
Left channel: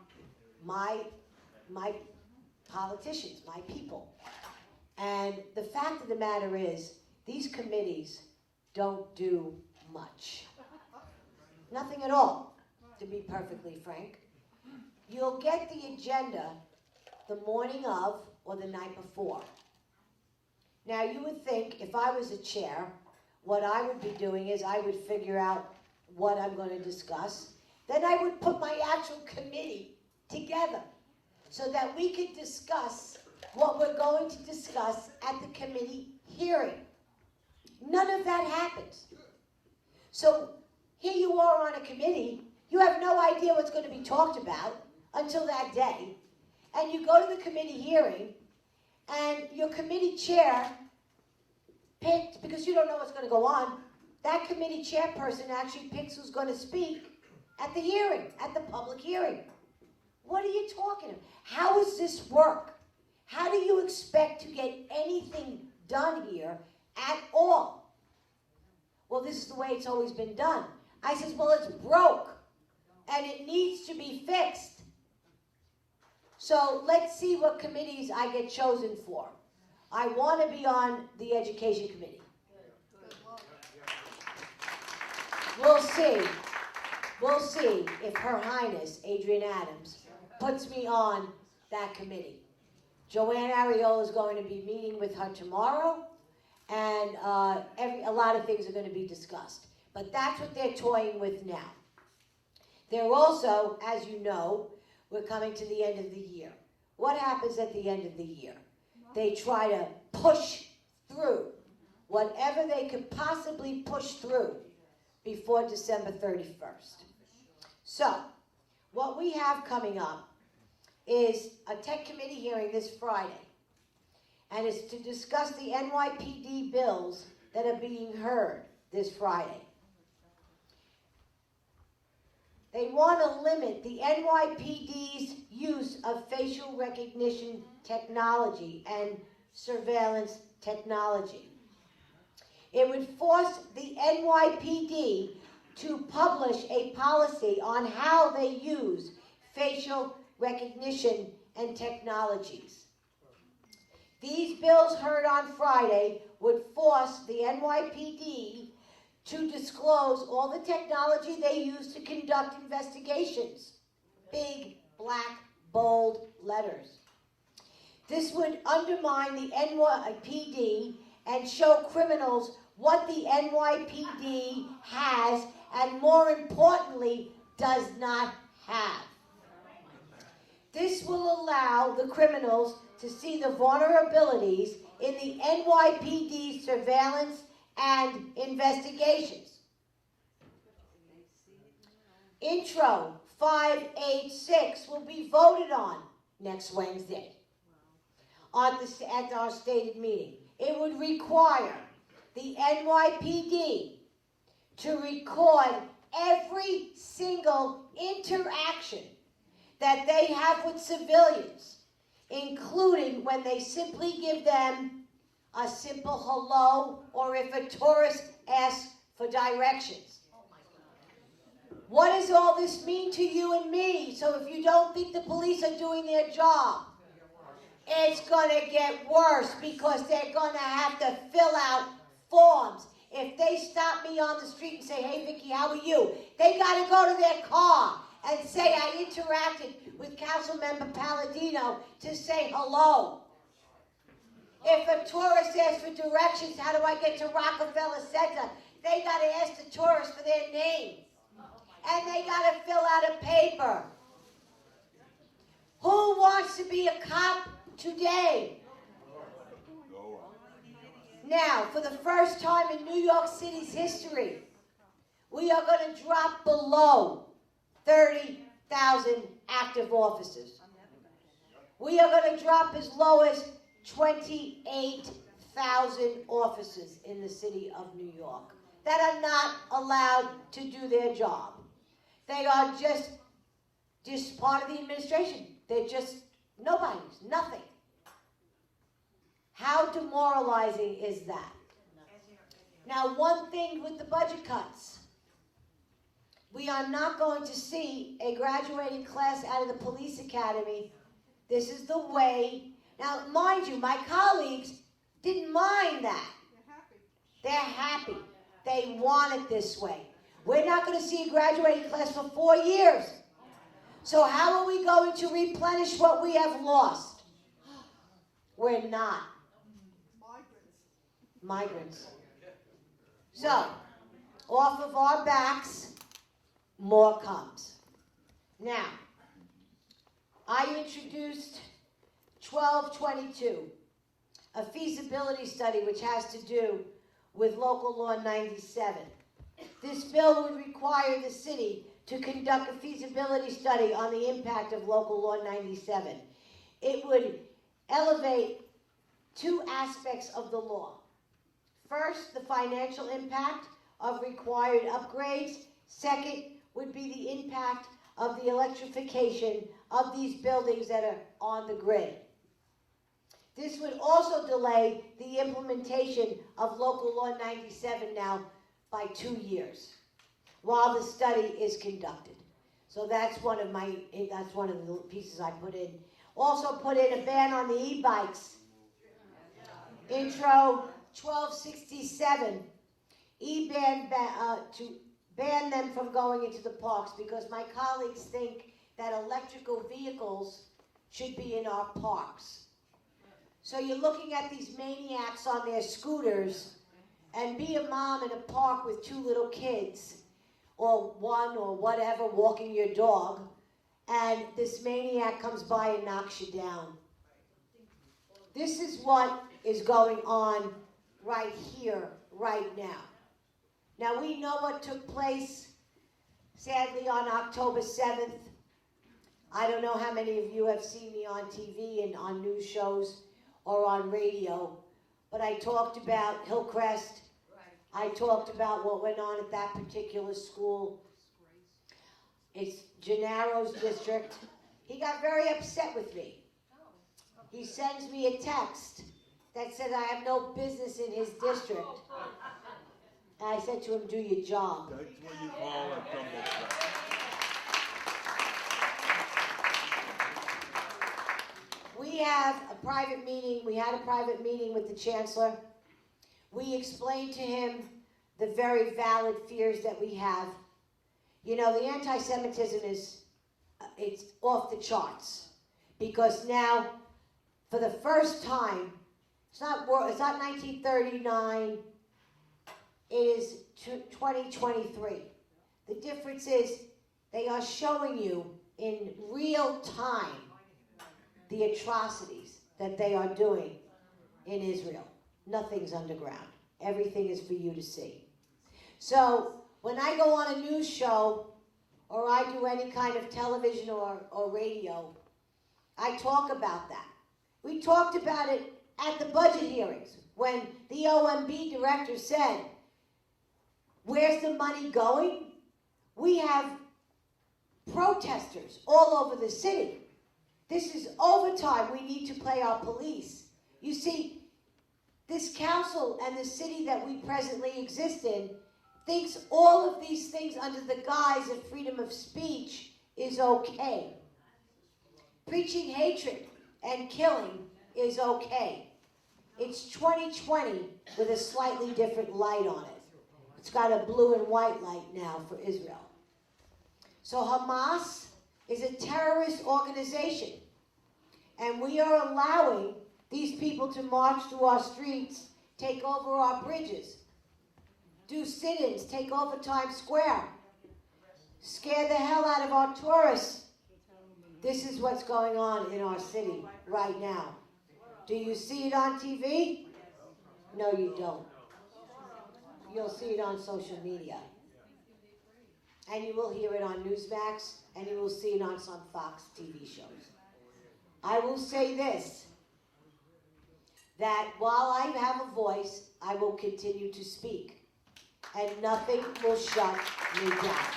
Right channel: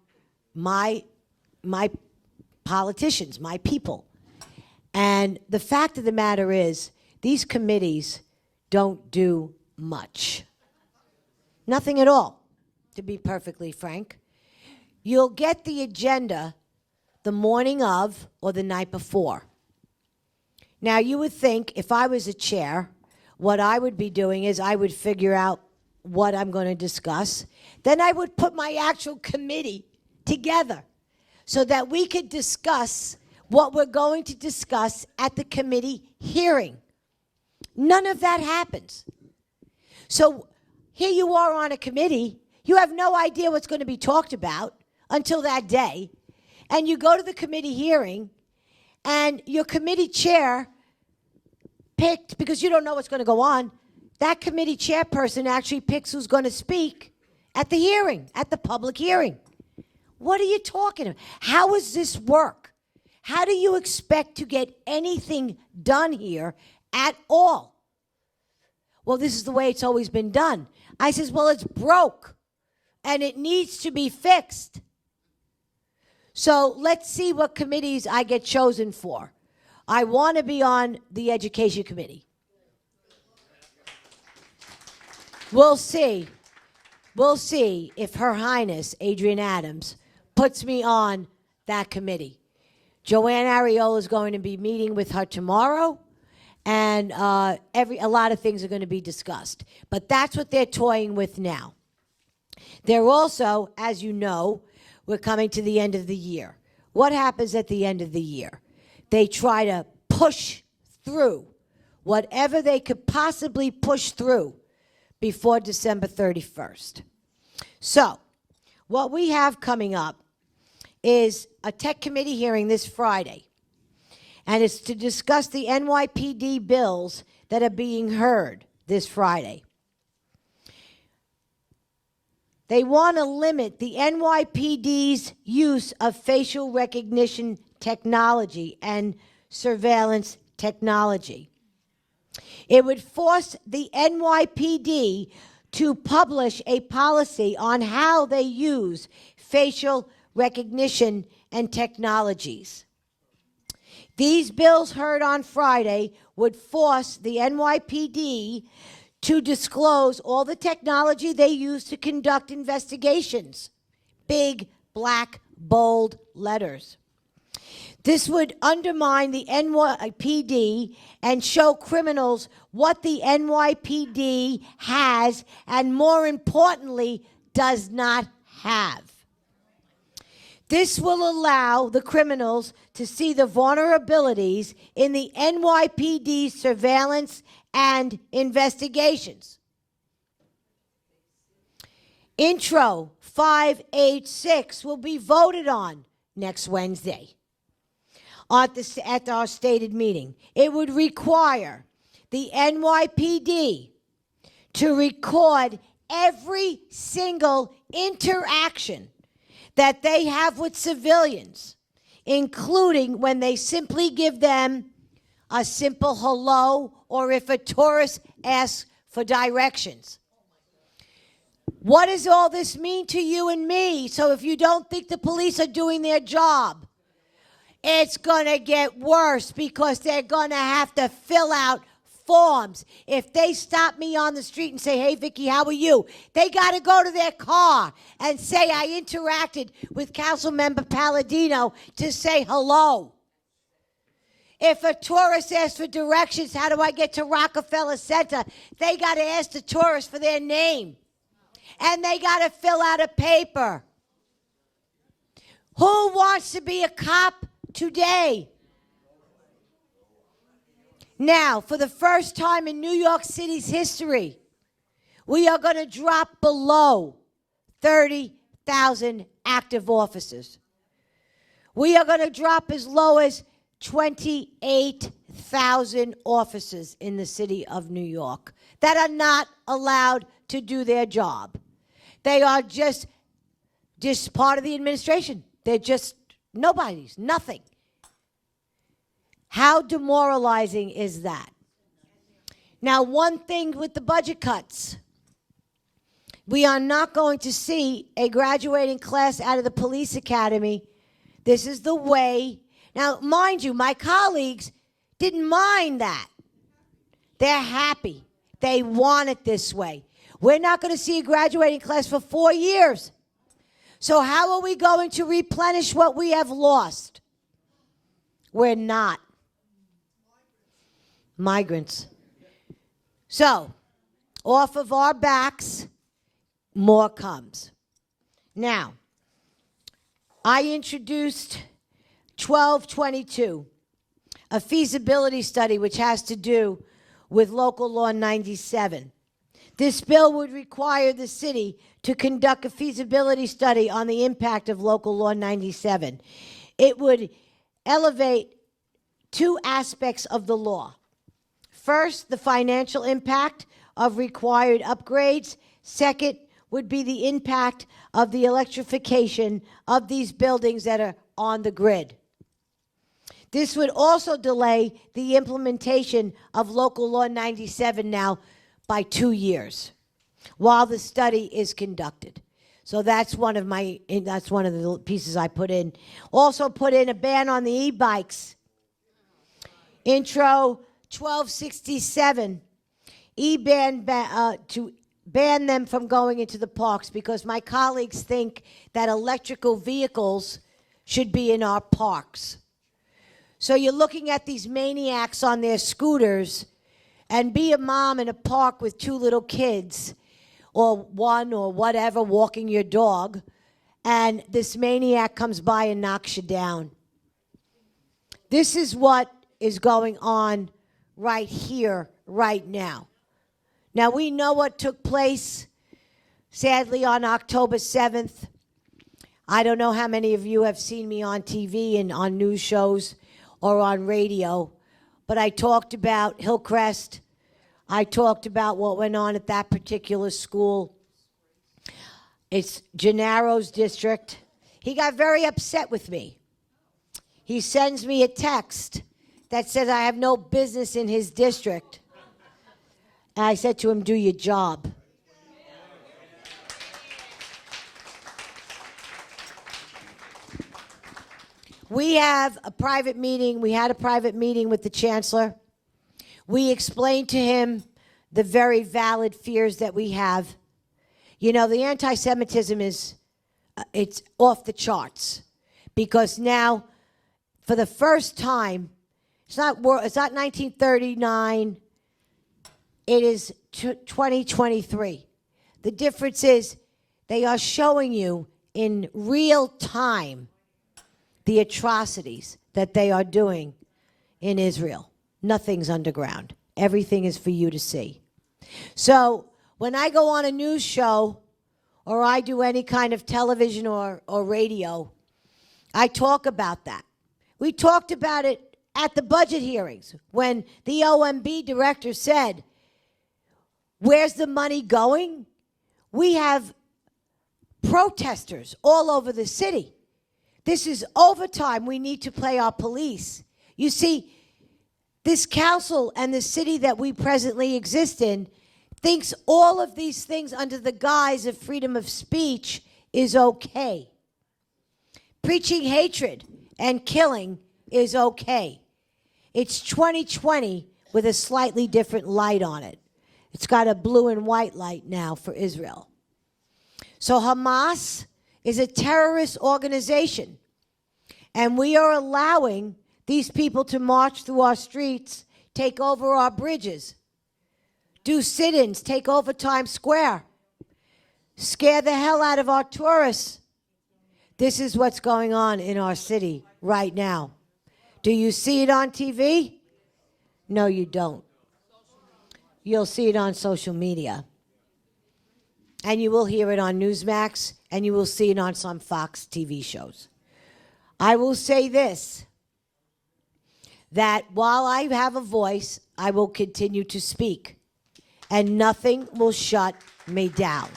my politicians, my people. And the fact of the matter is, these committees don't do much. Nothing at all, to be perfectly frank. You'll get the agenda the morning of or the night before. Now, you would think if I was a chair, what I would be doing is I would figure out what I'm going to discuss. Then I would put my actual committee together so that we could discuss what we're going to discuss at the committee hearing. None of that happens. So here you are on a committee. You have no idea what's going to be talked about until that day. And you go to the committee hearing, and your committee chair picked, because you don't know what's going to go on, that committee chairperson actually picks who's going to speak at the hearing, at the public hearing. What are you talking about? How does this work? How do you expect to get anything done here at all? Well, this is the way it's always been done. I says, well, it's broke, and it needs to be fixed. So let's see what committees I get chosen for. I want to be on the Education Committee. We'll see. We'll see if Her Highness, Adrienne Adams, puts me on that committee. Joanne Ariola is going to be meeting with her tomorrow, and a lot of things are going to be discussed. But that's what they're toying with now. They're also, as you know, we're coming to the end of the year. What happens at the end of the year? They try to push through whatever they could possibly push through before December 31st. So, what we have coming up is a tech committee hearing this Friday. And it's to discuss the NYPD bills that are being heard this Friday. They want to limit the NYPD's use of facial recognition technology and surveillance technology. It would force the NYPD to publish a policy on how they use facial recognition and technologies. These bills heard on Friday would force the NYPD to disclose all the technology they use to conduct investigations. Big, black, bold letters. This would undermine the NYPD and show criminals what the NYPD has and, more importantly, does not have. This will allow the criminals to see the vulnerabilities in the NYPD surveillance and investigations. Intro 586 will be voted on next Wednesday at our stated meeting. It would require the NYPD to record every single interaction that they have with civilians, including when they simply give them a simple hello, or if a tourist asks for directions. What does all this mean to you and me? So if you don't think the police are doing their job, it's going to get worse, because they're going to have to fill out forms. If they stop me on the street and say, hey, Vicky, how are you? They got to go to their car and say, I interacted with Councilmember Palladino to say hello. If a tourist asks for directions, how do I get to Rockefeller Center? They got to ask the tourist for their name. And they got to fill out a paper. Who wants to be a cop today? Now, for the first time in New York City's history, we are going to drop below 30,000 active officers. We are going to drop as low as 28,000 officers in the city of New York that are not allowed to do their job. They are just part of the administration. They're just nobodies, nothing. How demoralizing is that? Now, one thing with the budget cuts. We are not going to see a graduating class out of the police academy. This is the way. Now, mind you, my colleagues didn't mind that. They're happy. They want it this way. We're not going to see a graduating class for 4 years. So how are we going to replenish what we have lost? We're not. migrants. So, off of our backs, more comes. Now, I introduced 1222, a feasibility study which has to do with Local Law 97. This bill would require the city to conduct a feasibility study on the impact of Local Law 97. It would elevate two aspects of the law. First, the financial impact of required upgrades. Second would be the impact of the electrification of these buildings that are on the grid. This would also delay the implementation of Local Law 97 now by 2 years while the study is conducted. So that's one of the pieces I put in. Also put in a ban on the e-bikes. Intro 1267, to ban them from going into the parks, because my colleagues think that electrical vehicles should be in our parks. So you're looking at these maniacs on their scooters, and be a mom in a park with 2 little kids, or one or whatever, walking your dog, and this maniac comes by and knocks you down. This is what is going on right here, right now. Now, we know what took place, sadly, on October 7th. I don't know how many of you have seen me on TV and on news shows or on radio, but I talked about Hillcrest. I talked about what went on at that particular school. It's Gennaro's district. He got very upset with me. He sends me a text that says I have no business in his district. And I said to him, do your job. We had a private meeting with the chancellor. We explained to him the very valid fears that we have. You know, the anti-Semitism it's off the charts, because now, for the first time, it's not 1939, it is 2023. The difference is they are showing you in real time the atrocities that they are doing in Israel. Nothing's underground. Everything is for you to see. So when I go on a news show or I do any kind of television or radio, I talk about that. We talked about it at the budget hearings when the OMB director said, where's the money going? We have protesters all over the city. This is overtime. We need to pay our police. You see, this council and the city that we presently exist in thinks all of these things under the guise of freedom of speech is okay. Preaching hatred and killing is okay. It's 2020 with a slightly different light on it. It's got a blue and white light now for Israel. So Hamas is a terrorist organization, and we are allowing these people to march through our streets, take over our bridges, do sit-ins, take over Times Square, scare the hell out of our tourists. This is what's going on in our city right now. Do you see it on TV? No, you don't. You'll see it on social media. And you will hear it on Newsmax, and you will see it on some Fox TV shows. I will say this, that while I have a voice, I will continue to speak, and nothing will shut me down.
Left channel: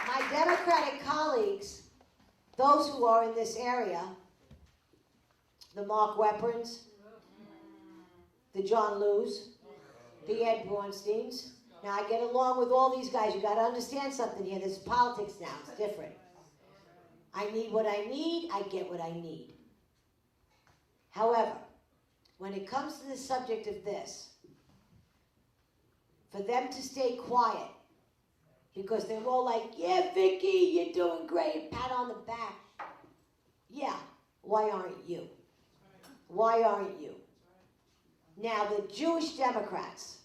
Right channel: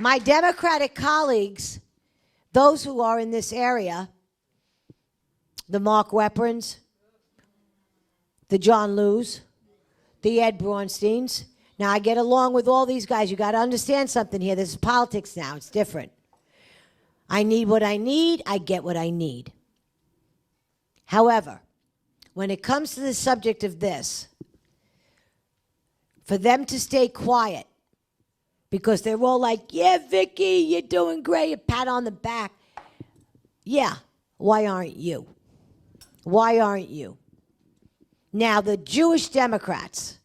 My Democratic colleagues, those who are in this area, the Mark Weprins, the John Lews, the Ed Braunsteins. Now, I get along with all these guys. You got to understand something here. This is politics now. It's different. I need what I need. I get what I need. However, when it comes to the subject of this, for them to stay quiet, because they're all like, yeah, Vicky, you're doing great, a pat on the back. Yeah, why aren't you? Why aren't you? Now, the Jewish Democrats,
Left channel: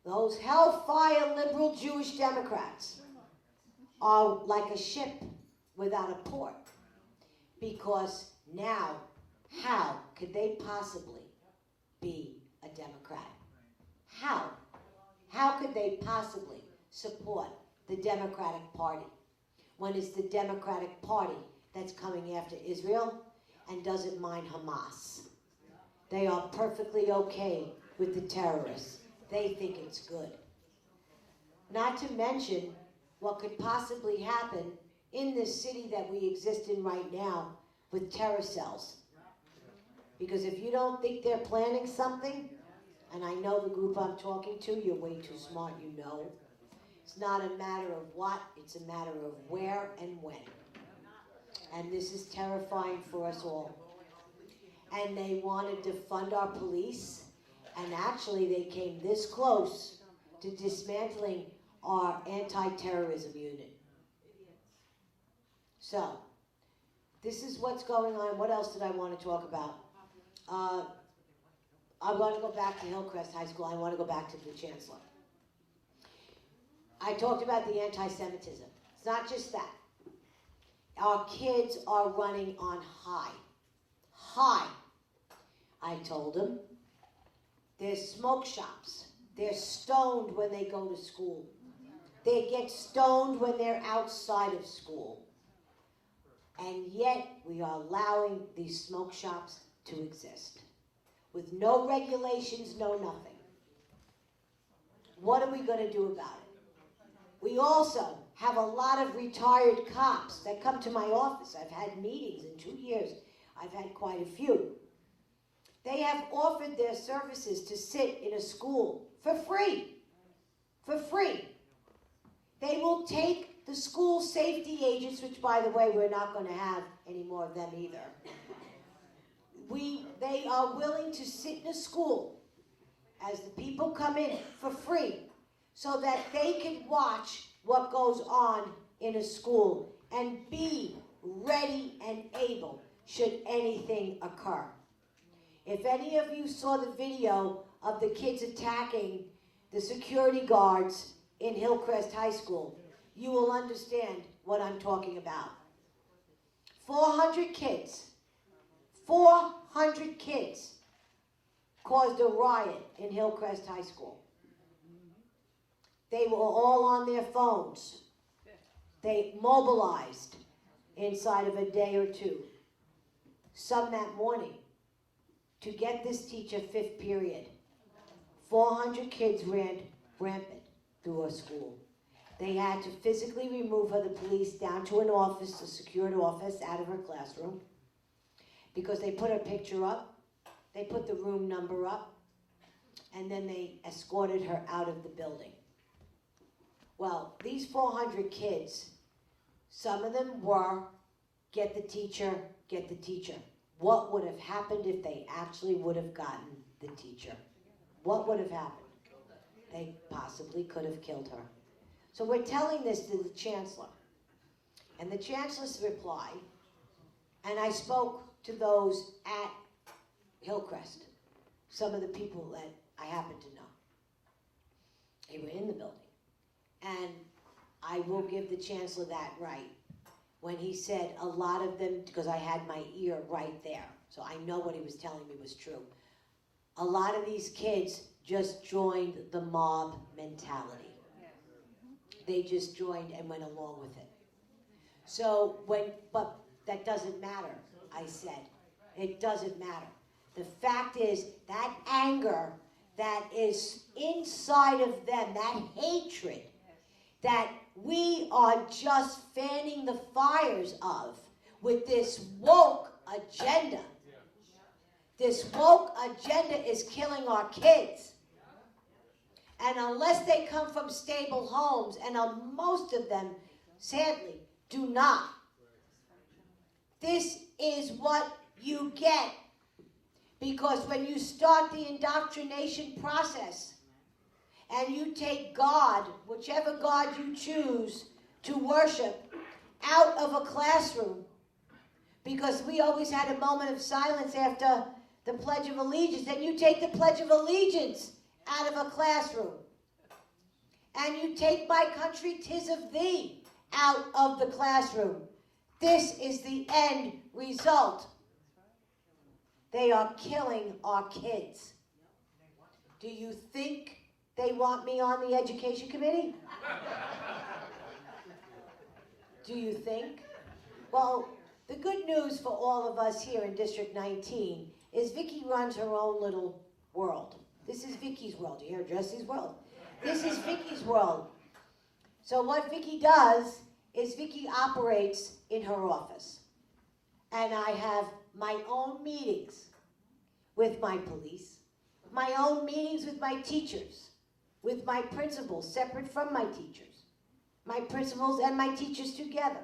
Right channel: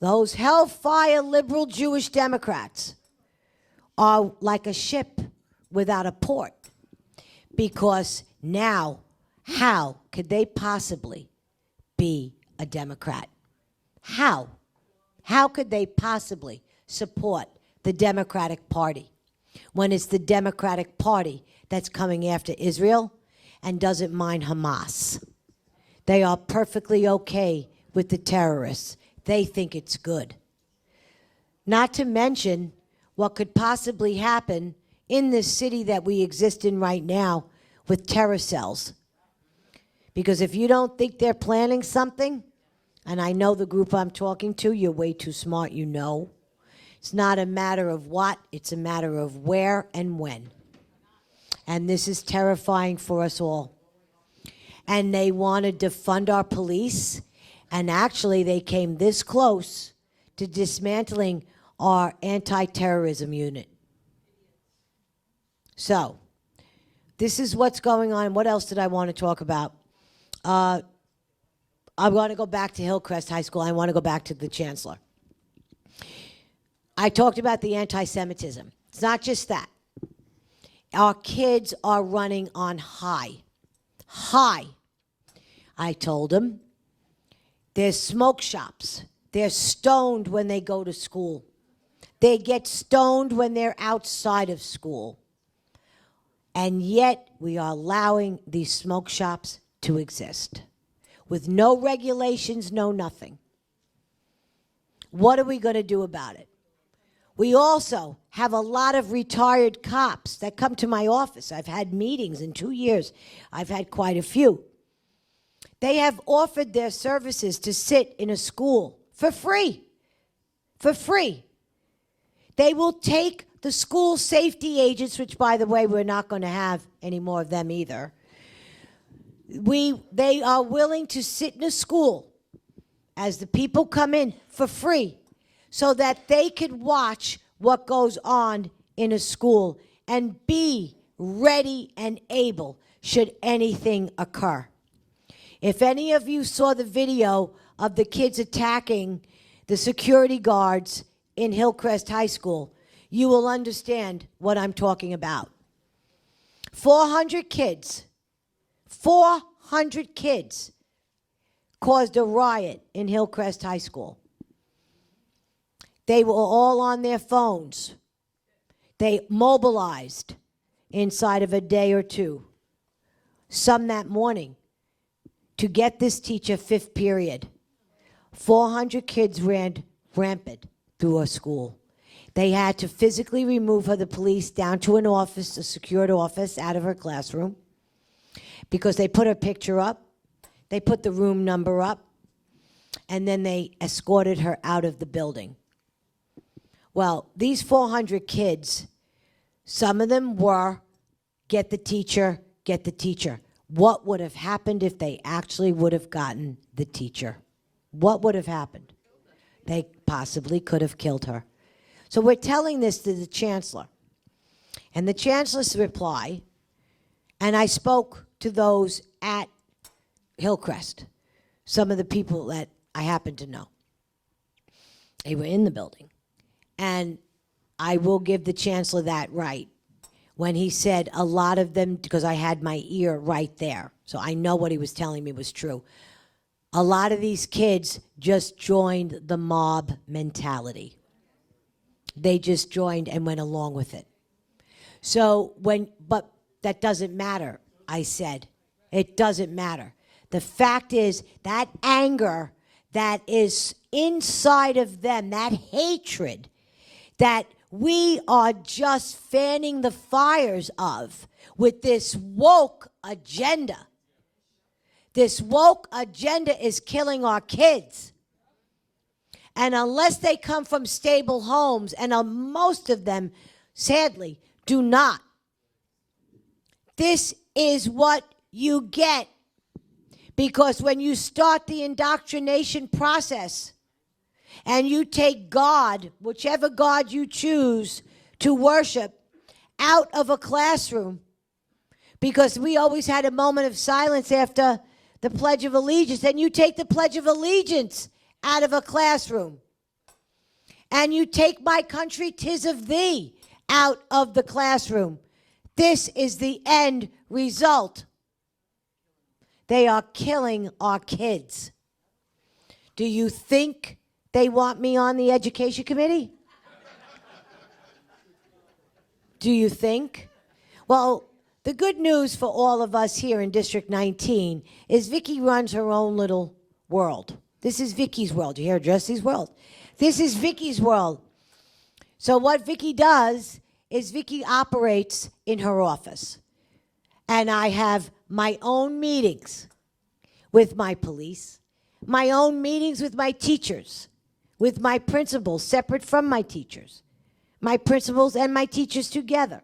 those hellfire liberal Jewish Democrats, are like a ship without a port. Because now, how could they possibly be a Democrat? How? How could they possibly support the Democratic Party when it's the Democratic Party that's coming after Israel and doesn't mind Hamas? They are perfectly okay with the terrorists. They think it's good. Not to mention what could possibly happen in this city that we exist in right now with terror cells. Because if you don't think they're planning something, and I know the group I'm talking to, you're way too smart, you know. It's not a matter of what, it's a matter of where and when. And this is terrifying for us all. And they want to defund our police, and actually they came this close to dismantling our anti-terrorism unit. So, this is what's going on. What else did I want to talk about? I want to go back to Hillcrest High School. I want to go back to the chancellor. I talked about the anti-Semitism. It's not just that. Our kids are running on high. High. I told them, there's smoke shops. They're stoned when they go to school. They get stoned when they're outside of school. And yet, we are allowing these smoke shops to exist. With no regulations, no nothing. What are we going to do about it? We also have a lot of retired cops that come to my office. I've had meetings in 2 years. I've had quite a few. They have offered their services to sit in a school for free. For free. They will take the school safety agents, which, by the way, we're not going to have any more of them either. They are willing to sit in a school as the people come in for free so that they can watch what goes on in a school and be ready and able should anything occur. If any of you saw the video of the kids attacking the security guards in Hillcrest High School, you will understand what I'm talking about. 400 kids caused a riot in Hillcrest High School. They were all on their phones. They mobilized inside of a day or two. Some that morning to get this teacher fifth period. 400 kids ran rampant through a school. They had to physically remove her, the police, down to an office, a secured office, out of her classroom, because they put her picture up, they put the room number up, and then they escorted her out of the building. Well, these 400 kids, some of them were, get the teacher, get the teacher. What would have happened if they actually would have gotten the teacher? What would have happened? They possibly could have killed her. So we're telling this to the chancellor. And the chancellor's reply, and I spoke to those at Hillcrest, some of the people that I happen to know. They were in the building. And I will give the chancellor that right when he said a lot of them, because I had my ear right there, so I know what he was telling me was true. A lot of these kids just joined the mob mentality. They just joined and went along with it. So but that doesn't matter, I said. It doesn't matter. The fact is that anger that is inside of them, that hatred that we are just fanning the fires of with this woke agenda. This woke agenda is killing our kids. And unless they come from stable homes, and most of them, sadly, do not, this is what you get. Because when you start the indoctrination process, and you take God, whichever God you choose to worship, out of a classroom, because we always had a moment of silence after the Pledge of Allegiance, and you take the Pledge of Allegiance out of a classroom, and you take my country, 'tis of thee, out of the classroom, this is the end result. They are killing our kids. Do you think they want me on the education committee? Do you think? Well, the good news for all of us here in District 19 is Vicki runs her own little world. This is Vicki's world. You hear Jesse's world? This is Vicki's world. So what Vicki does is Vicki operates in her office. And I have my own meetings with my police, my own meetings with my teachers, with my principals, separate from my teachers, my principals and my teachers together.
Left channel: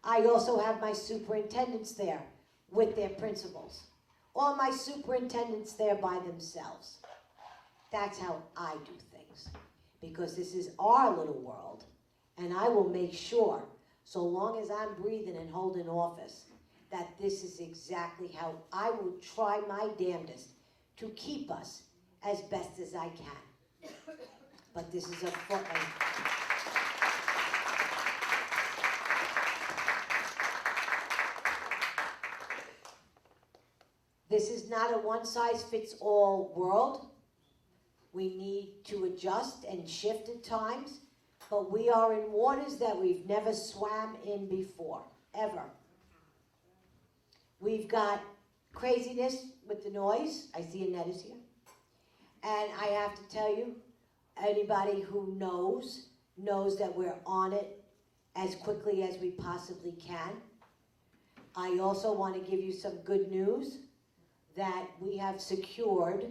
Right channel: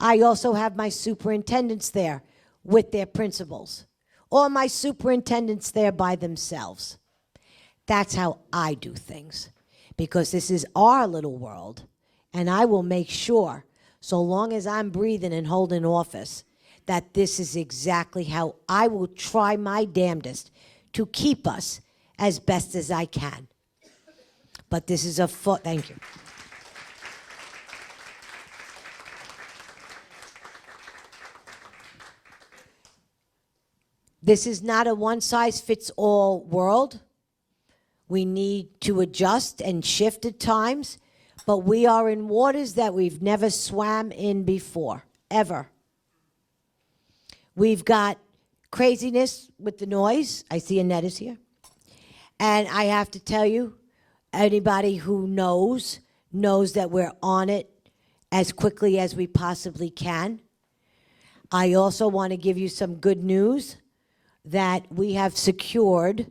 I also have my superintendents there with their principals, or my superintendents there by themselves. That's how I do things, because this is our little world, and I will make sure, so long as I'm breathing and holding office, that this is exactly how I will try my damnedest to keep us as best as I can. But this is thank you. This is not a one-size-fits-all world. We need to adjust and shift at times, but we are in waters that we've never swam in before, ever. We've got craziness with the noise. I see Annette is here. And I have to tell you, anybody who knows that we're on it as quickly as we possibly can. I also want to give you some good news that we have secured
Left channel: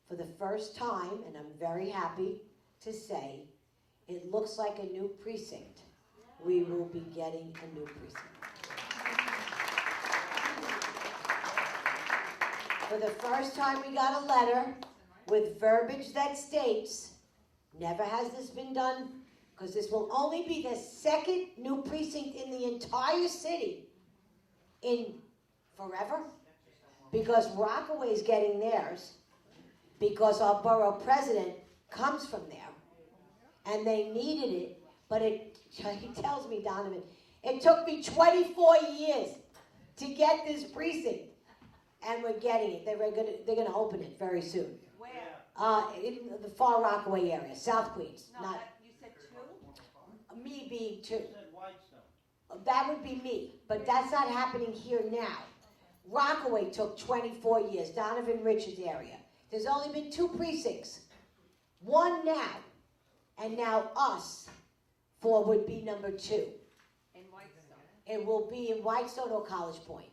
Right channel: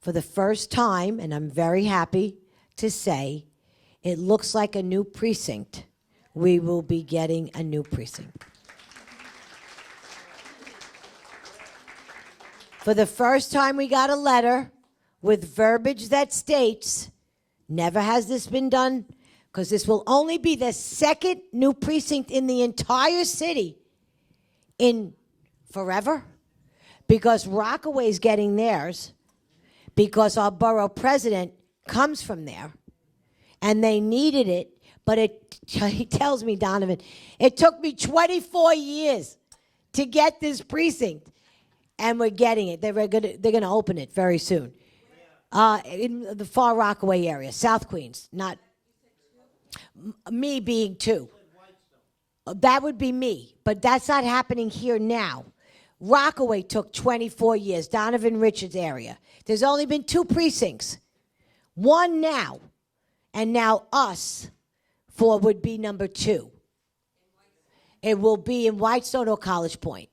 for the first time, and I'm very happy to say, it looks like a new precinct. We will be getting a new precinct. For the first time, we got a letter with verbiage that states, never has this been done, because this will only be the second new precinct in the entire city in forever, because Rockaway's getting theirs, because our borough president comes from there, and they needed it, but he tells me, Donovan, it took me 24 years to get this precinct. And we're getting it. They're gonna open it very soon. Where? In the Far Rockaway area, South Queens. Not. You said two? Me being two. That would be me, but that's not happening here now. Rockaway took 24 years. Donovan Richards area. There's only been two precincts. One now, and now us, would be number 2. In Whitestone. It will be in Whitestone or College Point.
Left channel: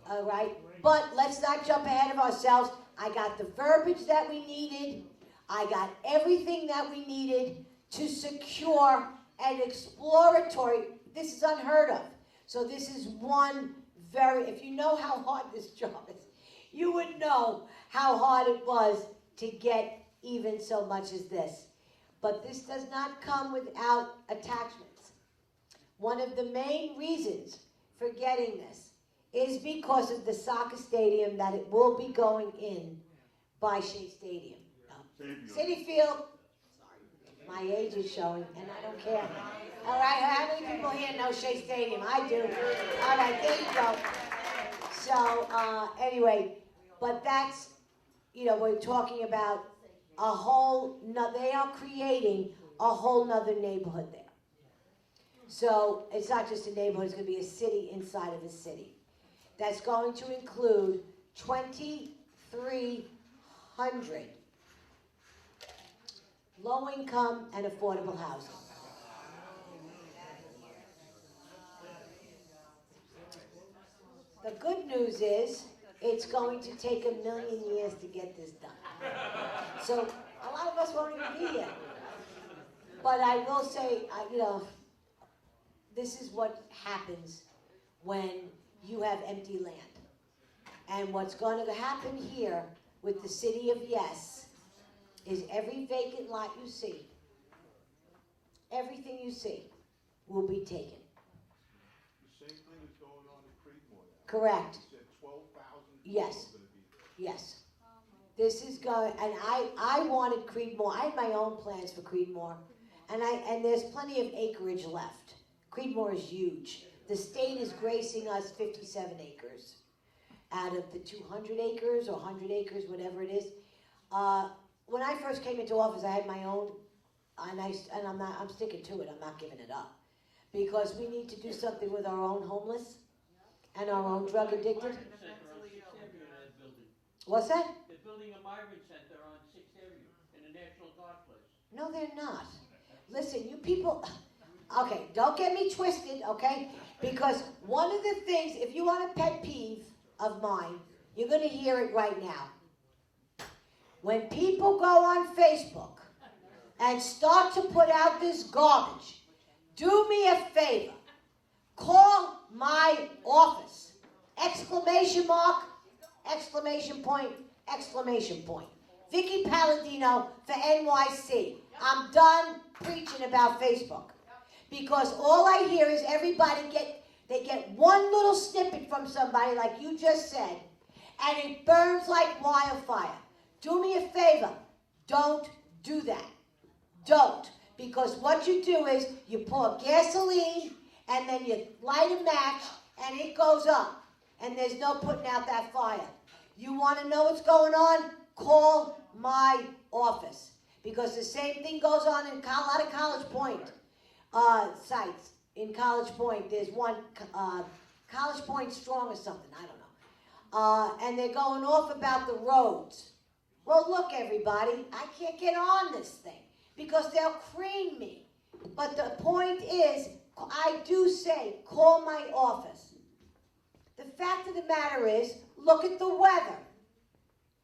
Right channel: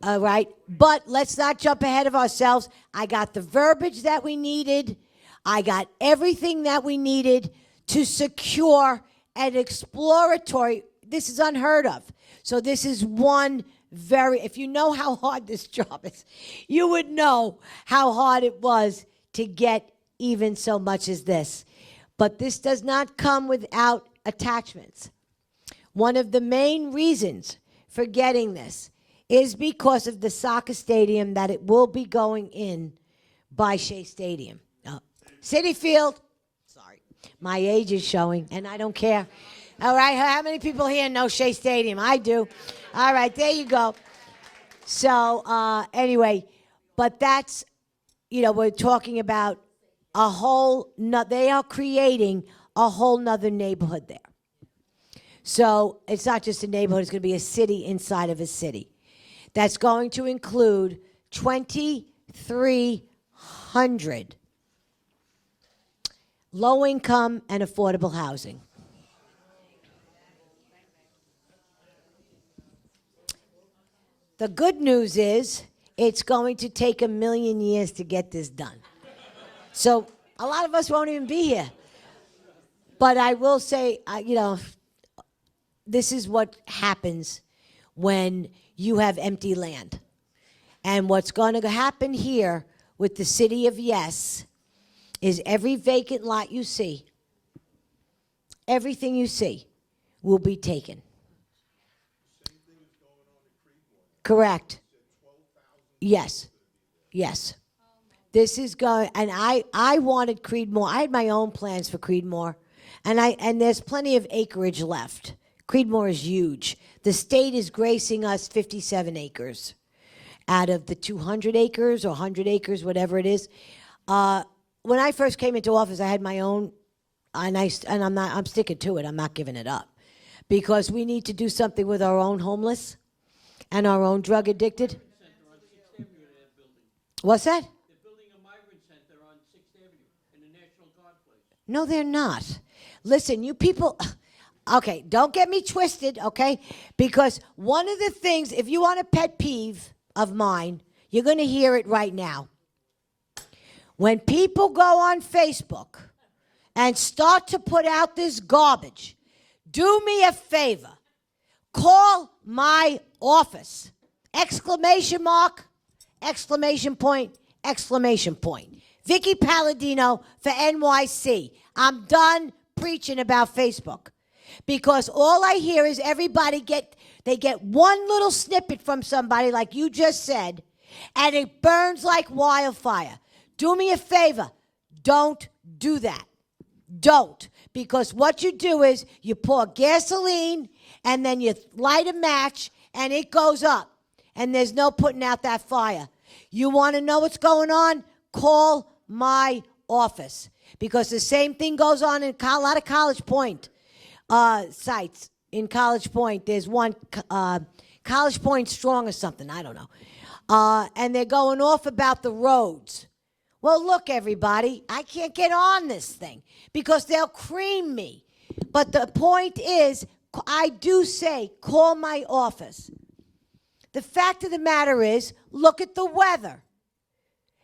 All right, but let's not jump ahead of ourselves. I got the verbiage that we needed. I got everything that we needed to secure an exploratory. This is unheard of. So this is one if you know how hard this job is, you would know how hard it was to get even so much as this. But this does not come without attachments. One of the main reasons for getting this is because of the soccer stadium that it will be going in by Shea Stadium. City Field. Sorry. My age is showing, and I don't care. All right, how many people here know Shea Stadium? I do. All right, there you go. So, anyway, but that's, we're talking about they are creating a whole nother neighborhood there. So, it's not just a neighborhood, it's going to be a city inside of a city. That's going to include 2,300 low-income and affordable housing. The good news is it's going to take 1 million years to get this done. So a lot of us won't even be here. But I will say, this is what happens when you have empty land. And what's going to happen here with the city of Yes is every vacant lot you see, everything you see will be taken. The same thing is going on in Creedmoor. Correct. You said 12,000 Yes. Yes. This is going, and I wanted Creedmoor. I had my own plans for Creedmoor, and there's plenty of acreage left. Creedmoor is huge. The state is gracing us 57 acres out of the 200 acres or 100 acres, whatever it is. When I first came into office, I had my own, and I'm sticking to it. I'm not giving it up, because we need to do something with our own homeless and our own drug addicted. What's that? They're building a migrant center on 6th Avenue in the National Guard place. No, they're not. Listen, you people, okay, don't get me twisted, okay? Because one of the things, if you want a pet peeve of mine, you're going to hear it right now. When people go on Facebook and start to put out this garbage, do me a favor. Call my office. Exclamation mark, exclamation point, exclamation point. Vicky Palladino for NYC. I'm done preaching about Facebook. Because all I hear is everybody get one little snippet from somebody like you just said, and it burns like wildfire. Do me a favor. Don't do that. Don't. Because what you do is you pour gasoline and then you light a match and it goes up. And there's no putting out that fire. You want to know what's going on? Call my office. Because the same thing goes on in a lot of College Point sites. In College Point, there's one, College Point Strong or something, I don't know. And they're going off about the roads. Well, look, everybody, I can't get on this thing because they'll cream me. But the point is, I do say, call my office. The fact of the matter is, look at the weather.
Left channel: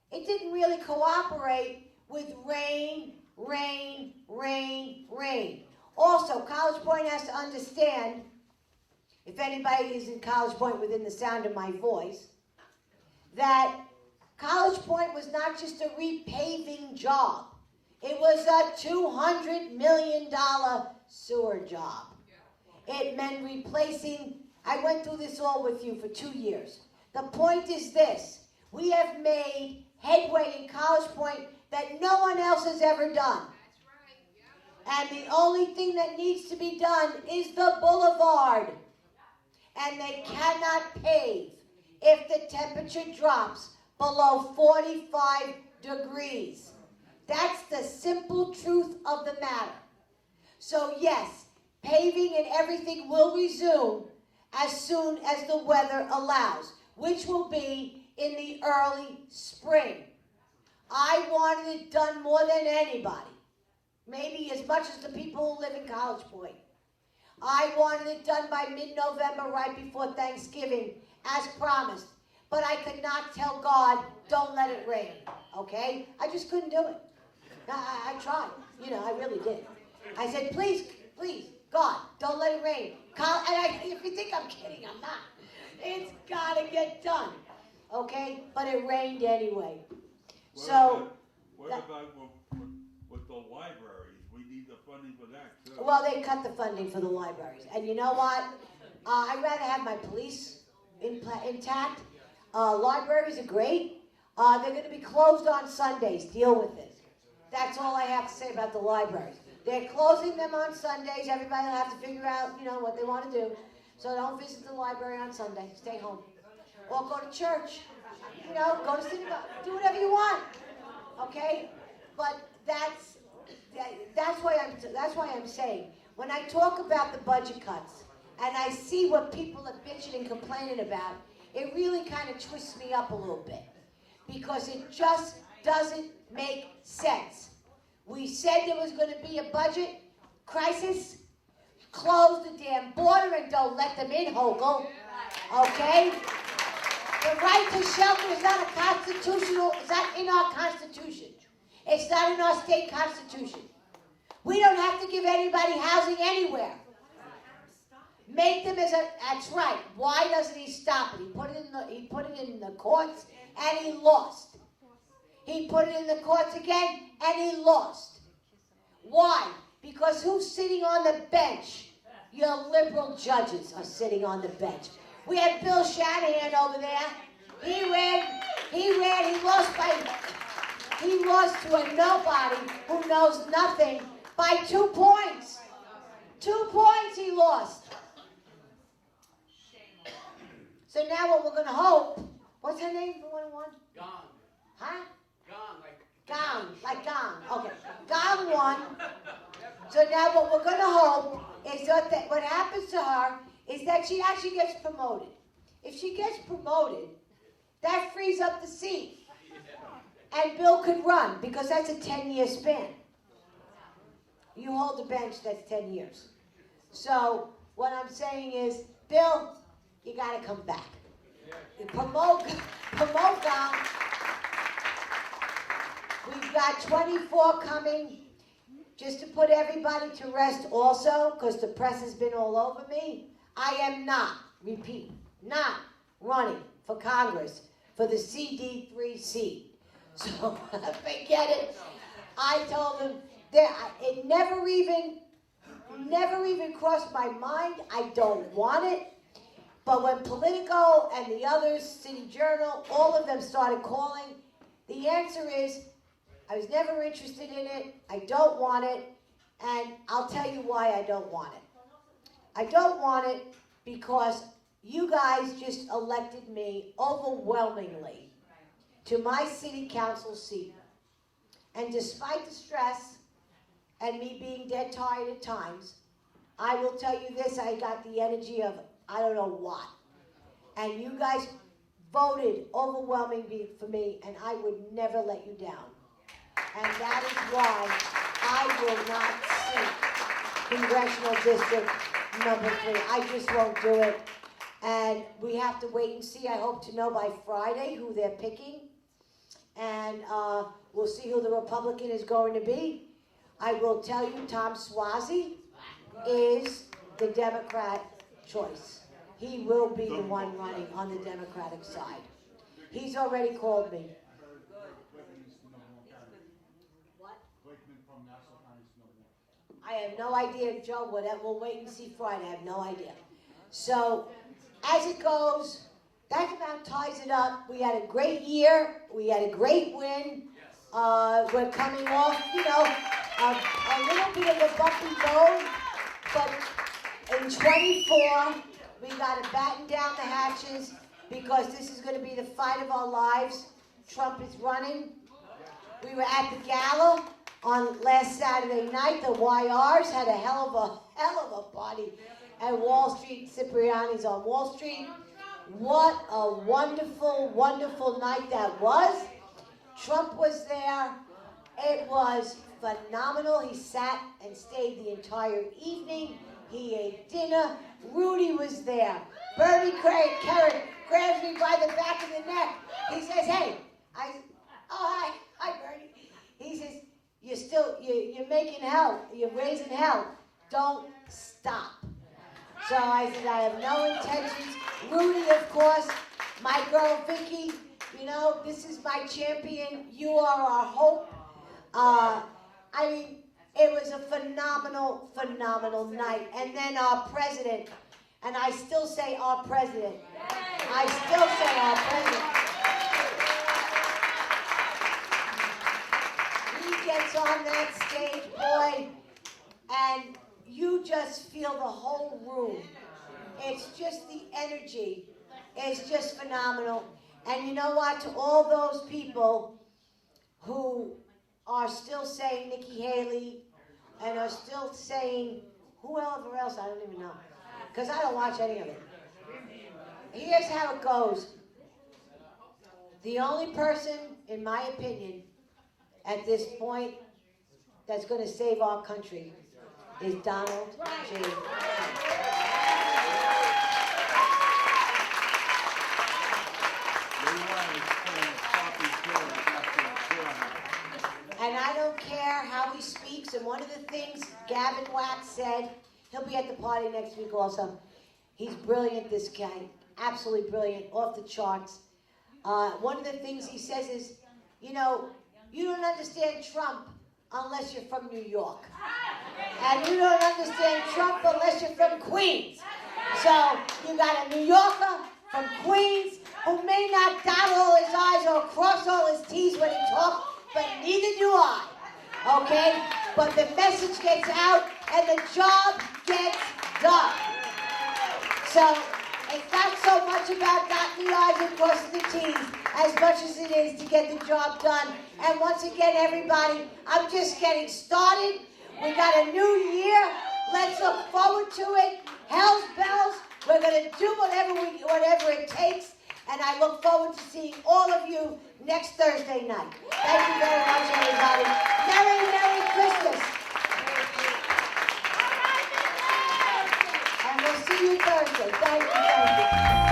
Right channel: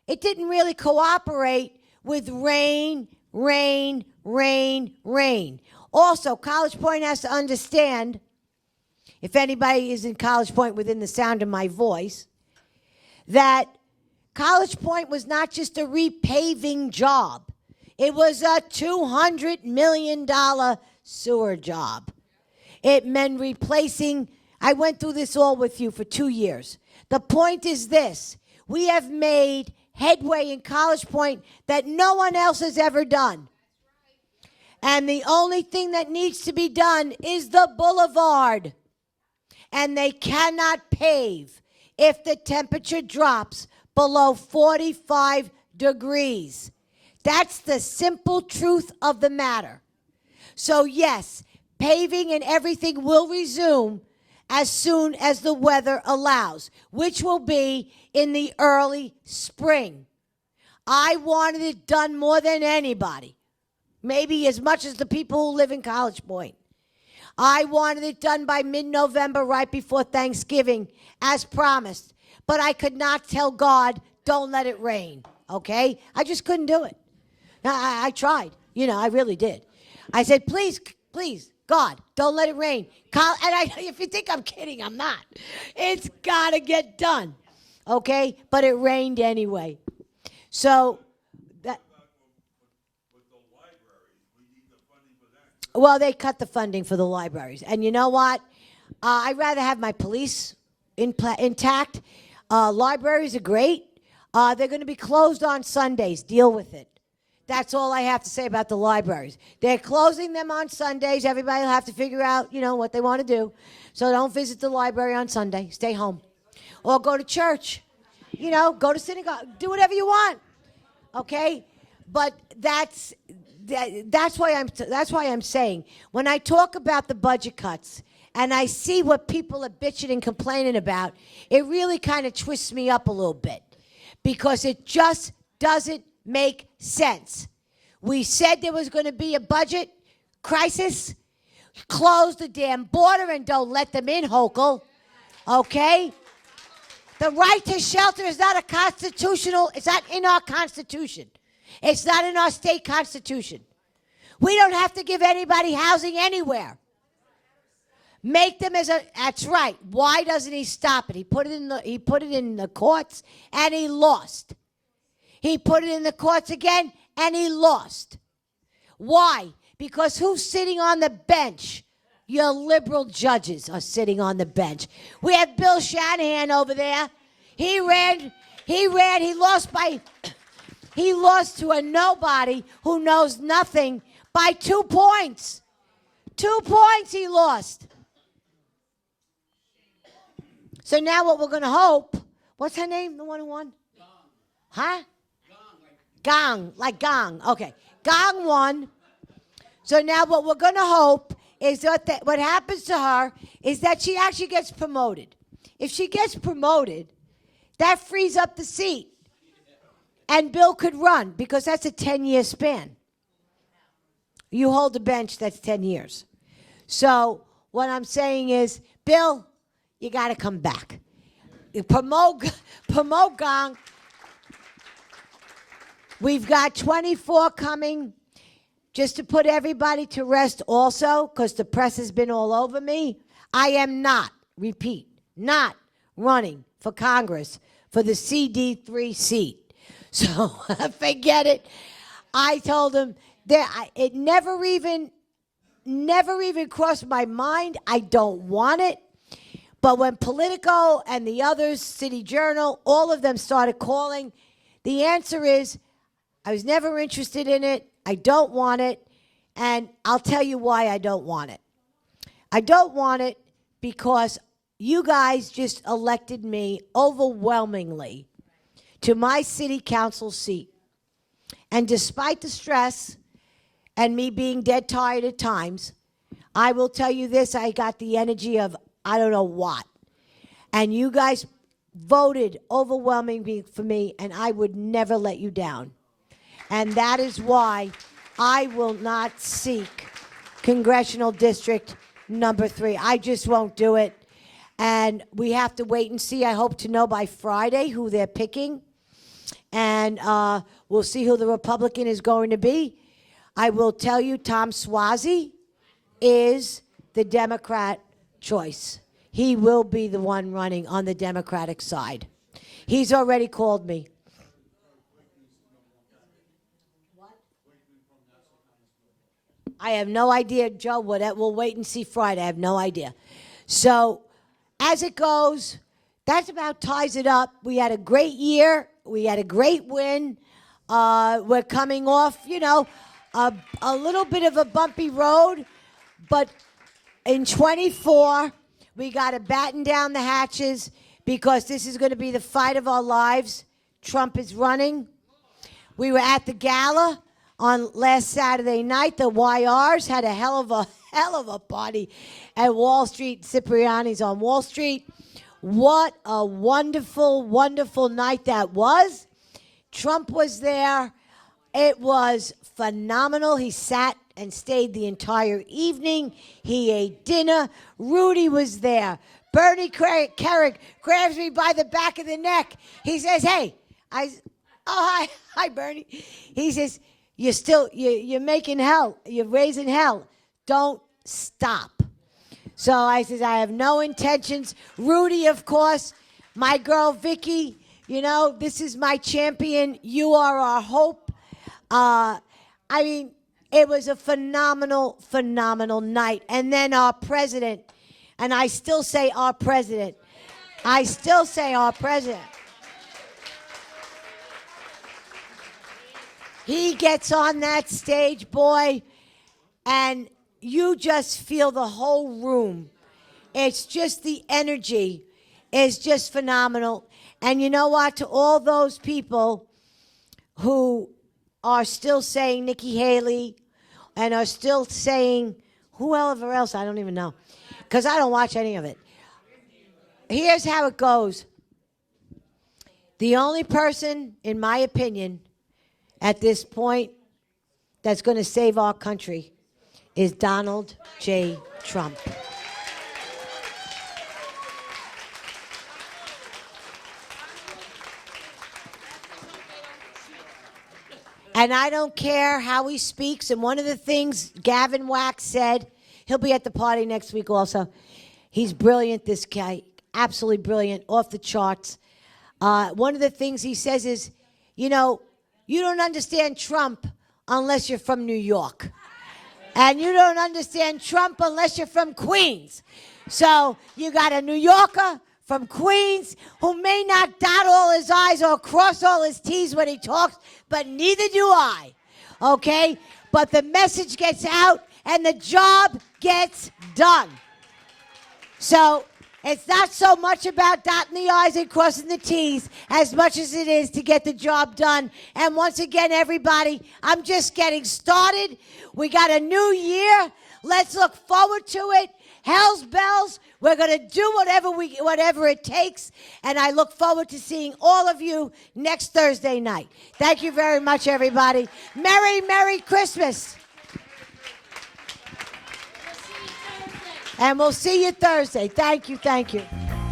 It didn't really cooperate with rain, rain, rain, rain. Also, College Point has to understand, if anybody is in College Point within the sound of my voice, that College Point was not just a repaving job. It was a $200 million sewer job. It meant replacing, I went through this all with you for 2 years. The point is this, we have made headway in College Point that no one else has ever done. And the only thing that needs to be done is the boulevard. And they cannot pave if the temperature drops below 45 degrees. That's the simple truth of the matter. So yes, paving and everything will resume as soon as the weather allows, which will be in the early spring. I wanted it done more than anybody, maybe as much as the people who live in College Point. I wanted it done by mid-November, right before Thanksgiving, as promised. But I could not tell God, don't let it rain, okay? I just couldn't do it. I tried, I really did. I said, please, please, God, don't let it rain. If you think I'm kidding, I'm not. It's got to get done, okay? But it rained anyway. So, what about with the libraries? We need the funding for that, too. Well, they cut the funding for the libraries. And you know what? I'd rather have my police intact. Libraries are great. They're going to be closed on Sundays. Deal with it. That's all I have to say about the libraries. They're closing them on Sundays. Everybody will have to figure out, what they want to do. So don't visit the library on Sunday. Stay home. Or go to church. Go to synagogue. Do whatever you want. Okay? But that's why I'm saying, when I talk about the budget cuts and I see what people are bitching and complaining about, it really kind of twists me up a little bit. Because it just doesn't make sense. We said there was going to be a budget crisis. Close the damn border and don't let them in, Hochul. Okay? The right to shelter is not it's not in our Constitution. It's not in our state constitution. We don't have to give anybody housing anywhere. Make them that's right. Why doesn't he stop it? He put it in the courts and he lost. He put it in the courts again and he lost. Why? Because who's sitting on the bench? Your liberal judges are sitting on the bench. We have Bill Shanahan over there. He lost to a nobody who knows nothing by 2 points. 2 points he lost. So now what we're going to hope, what's her name, the one who won? Gong. Huh? Gong, like Gong, like Gong. Okay. Gong won. So now what we're going to hope is that what happens to her is that she actually gets promoted. If she gets promoted, that frees up the seat. And Bill could run because that's a 10-year span. You hold the bench, that's 10 years. So what I'm saying is, Bill, you got to come back. You promote Gong. We've got 24 coming. Just to put everybody to rest also, because the press has been all over me, I am not, repeat, not running for Congress for the CD3 seat. So forget it. I told him that it never even crossed my mind. I don't want it. But when Politico and the others, City Journal, all of them started calling, the answer is, I was never interested in it. I don't want it. And I'll tell you why I don't want it. I don't want it because you guys just elected me overwhelmingly to my city council seat. And despite the stress and me being dead tired at times, I will tell you this, I got the energy of I don't know what. And you guys voted overwhelmingly for me, and I would never let you down. And that is why I will not seek Congressional District number 3. I just won't do it. And we have to wait and see. I hope to know by Friday who they're picking. And we'll see who the Republican is going to be. I will tell you, Tom Suozzi is the Democrat choice. He will be the one running on the Democratic side. He's already called me. I have no idea, Joe. We'll wait and see Friday. I have no idea. So, as it goes, that about ties it up. We had a great year. We had a great win. We're coming off, a little bit of a bumpy road. But in 24, we got to batten down the hatches because this is going to be the fight of our lives. Trump is running. We were at the gala on last Saturday night. The YRs had a hell of a party at Wall Street. Cipriani's on Wall Street. What a wonderful, wonderful night that was. Trump was there. It was phenomenal. He sat and stayed the entire evening. He ate dinner. Rudy was there. Bernie Carrick grabs me by the back of the neck. He says, hey. Hi, Bernie. He says, you're making hell. You're raising hell. Don't stop. So I said, I have no intentions. Rudy, of course, my girl Vicky, this is my champion. You are our hope. It was a phenomenal, phenomenal night. And then our president, and I still say our president. I still say our president. He gets on that stage, boy, and you just feel the whole room. It's just the energy is just phenomenal. And you know what? To all those people who are still saying Nikki Haley and are still saying whoever else, I don't even know, because I don't watch any of it. Here's how it goes. The only person, in my opinion, at this point that's going to save our country is Donald J. Trump. And I don't care how he speaks. And one of the things Gavin Wax said, he'll be at the party next week also. He's brilliant, this guy. Absolutely brilliant, off the charts. One of the things he says is, you don't understand Trump unless you're from New York. And you don't understand Trump unless you're from Queens. So you got a New Yorker from Queens who may not dot all his I's or cross all his T's when he talks, but neither do I. Okay? But the message gets out and the job gets done. So it's not so much about dotting the I's and crossing the T's as much as it is to get the job done. And once again, everybody, I'm just getting started. We got a new year. Let's look forward to it. Hell's bells. We're going to do whatever it takes. And I look forward to seeing all of you next Thursday night. Thank you very much, everybody. Merry, Merry Christmas. And we'll see you Thursday. Thank you, thank you.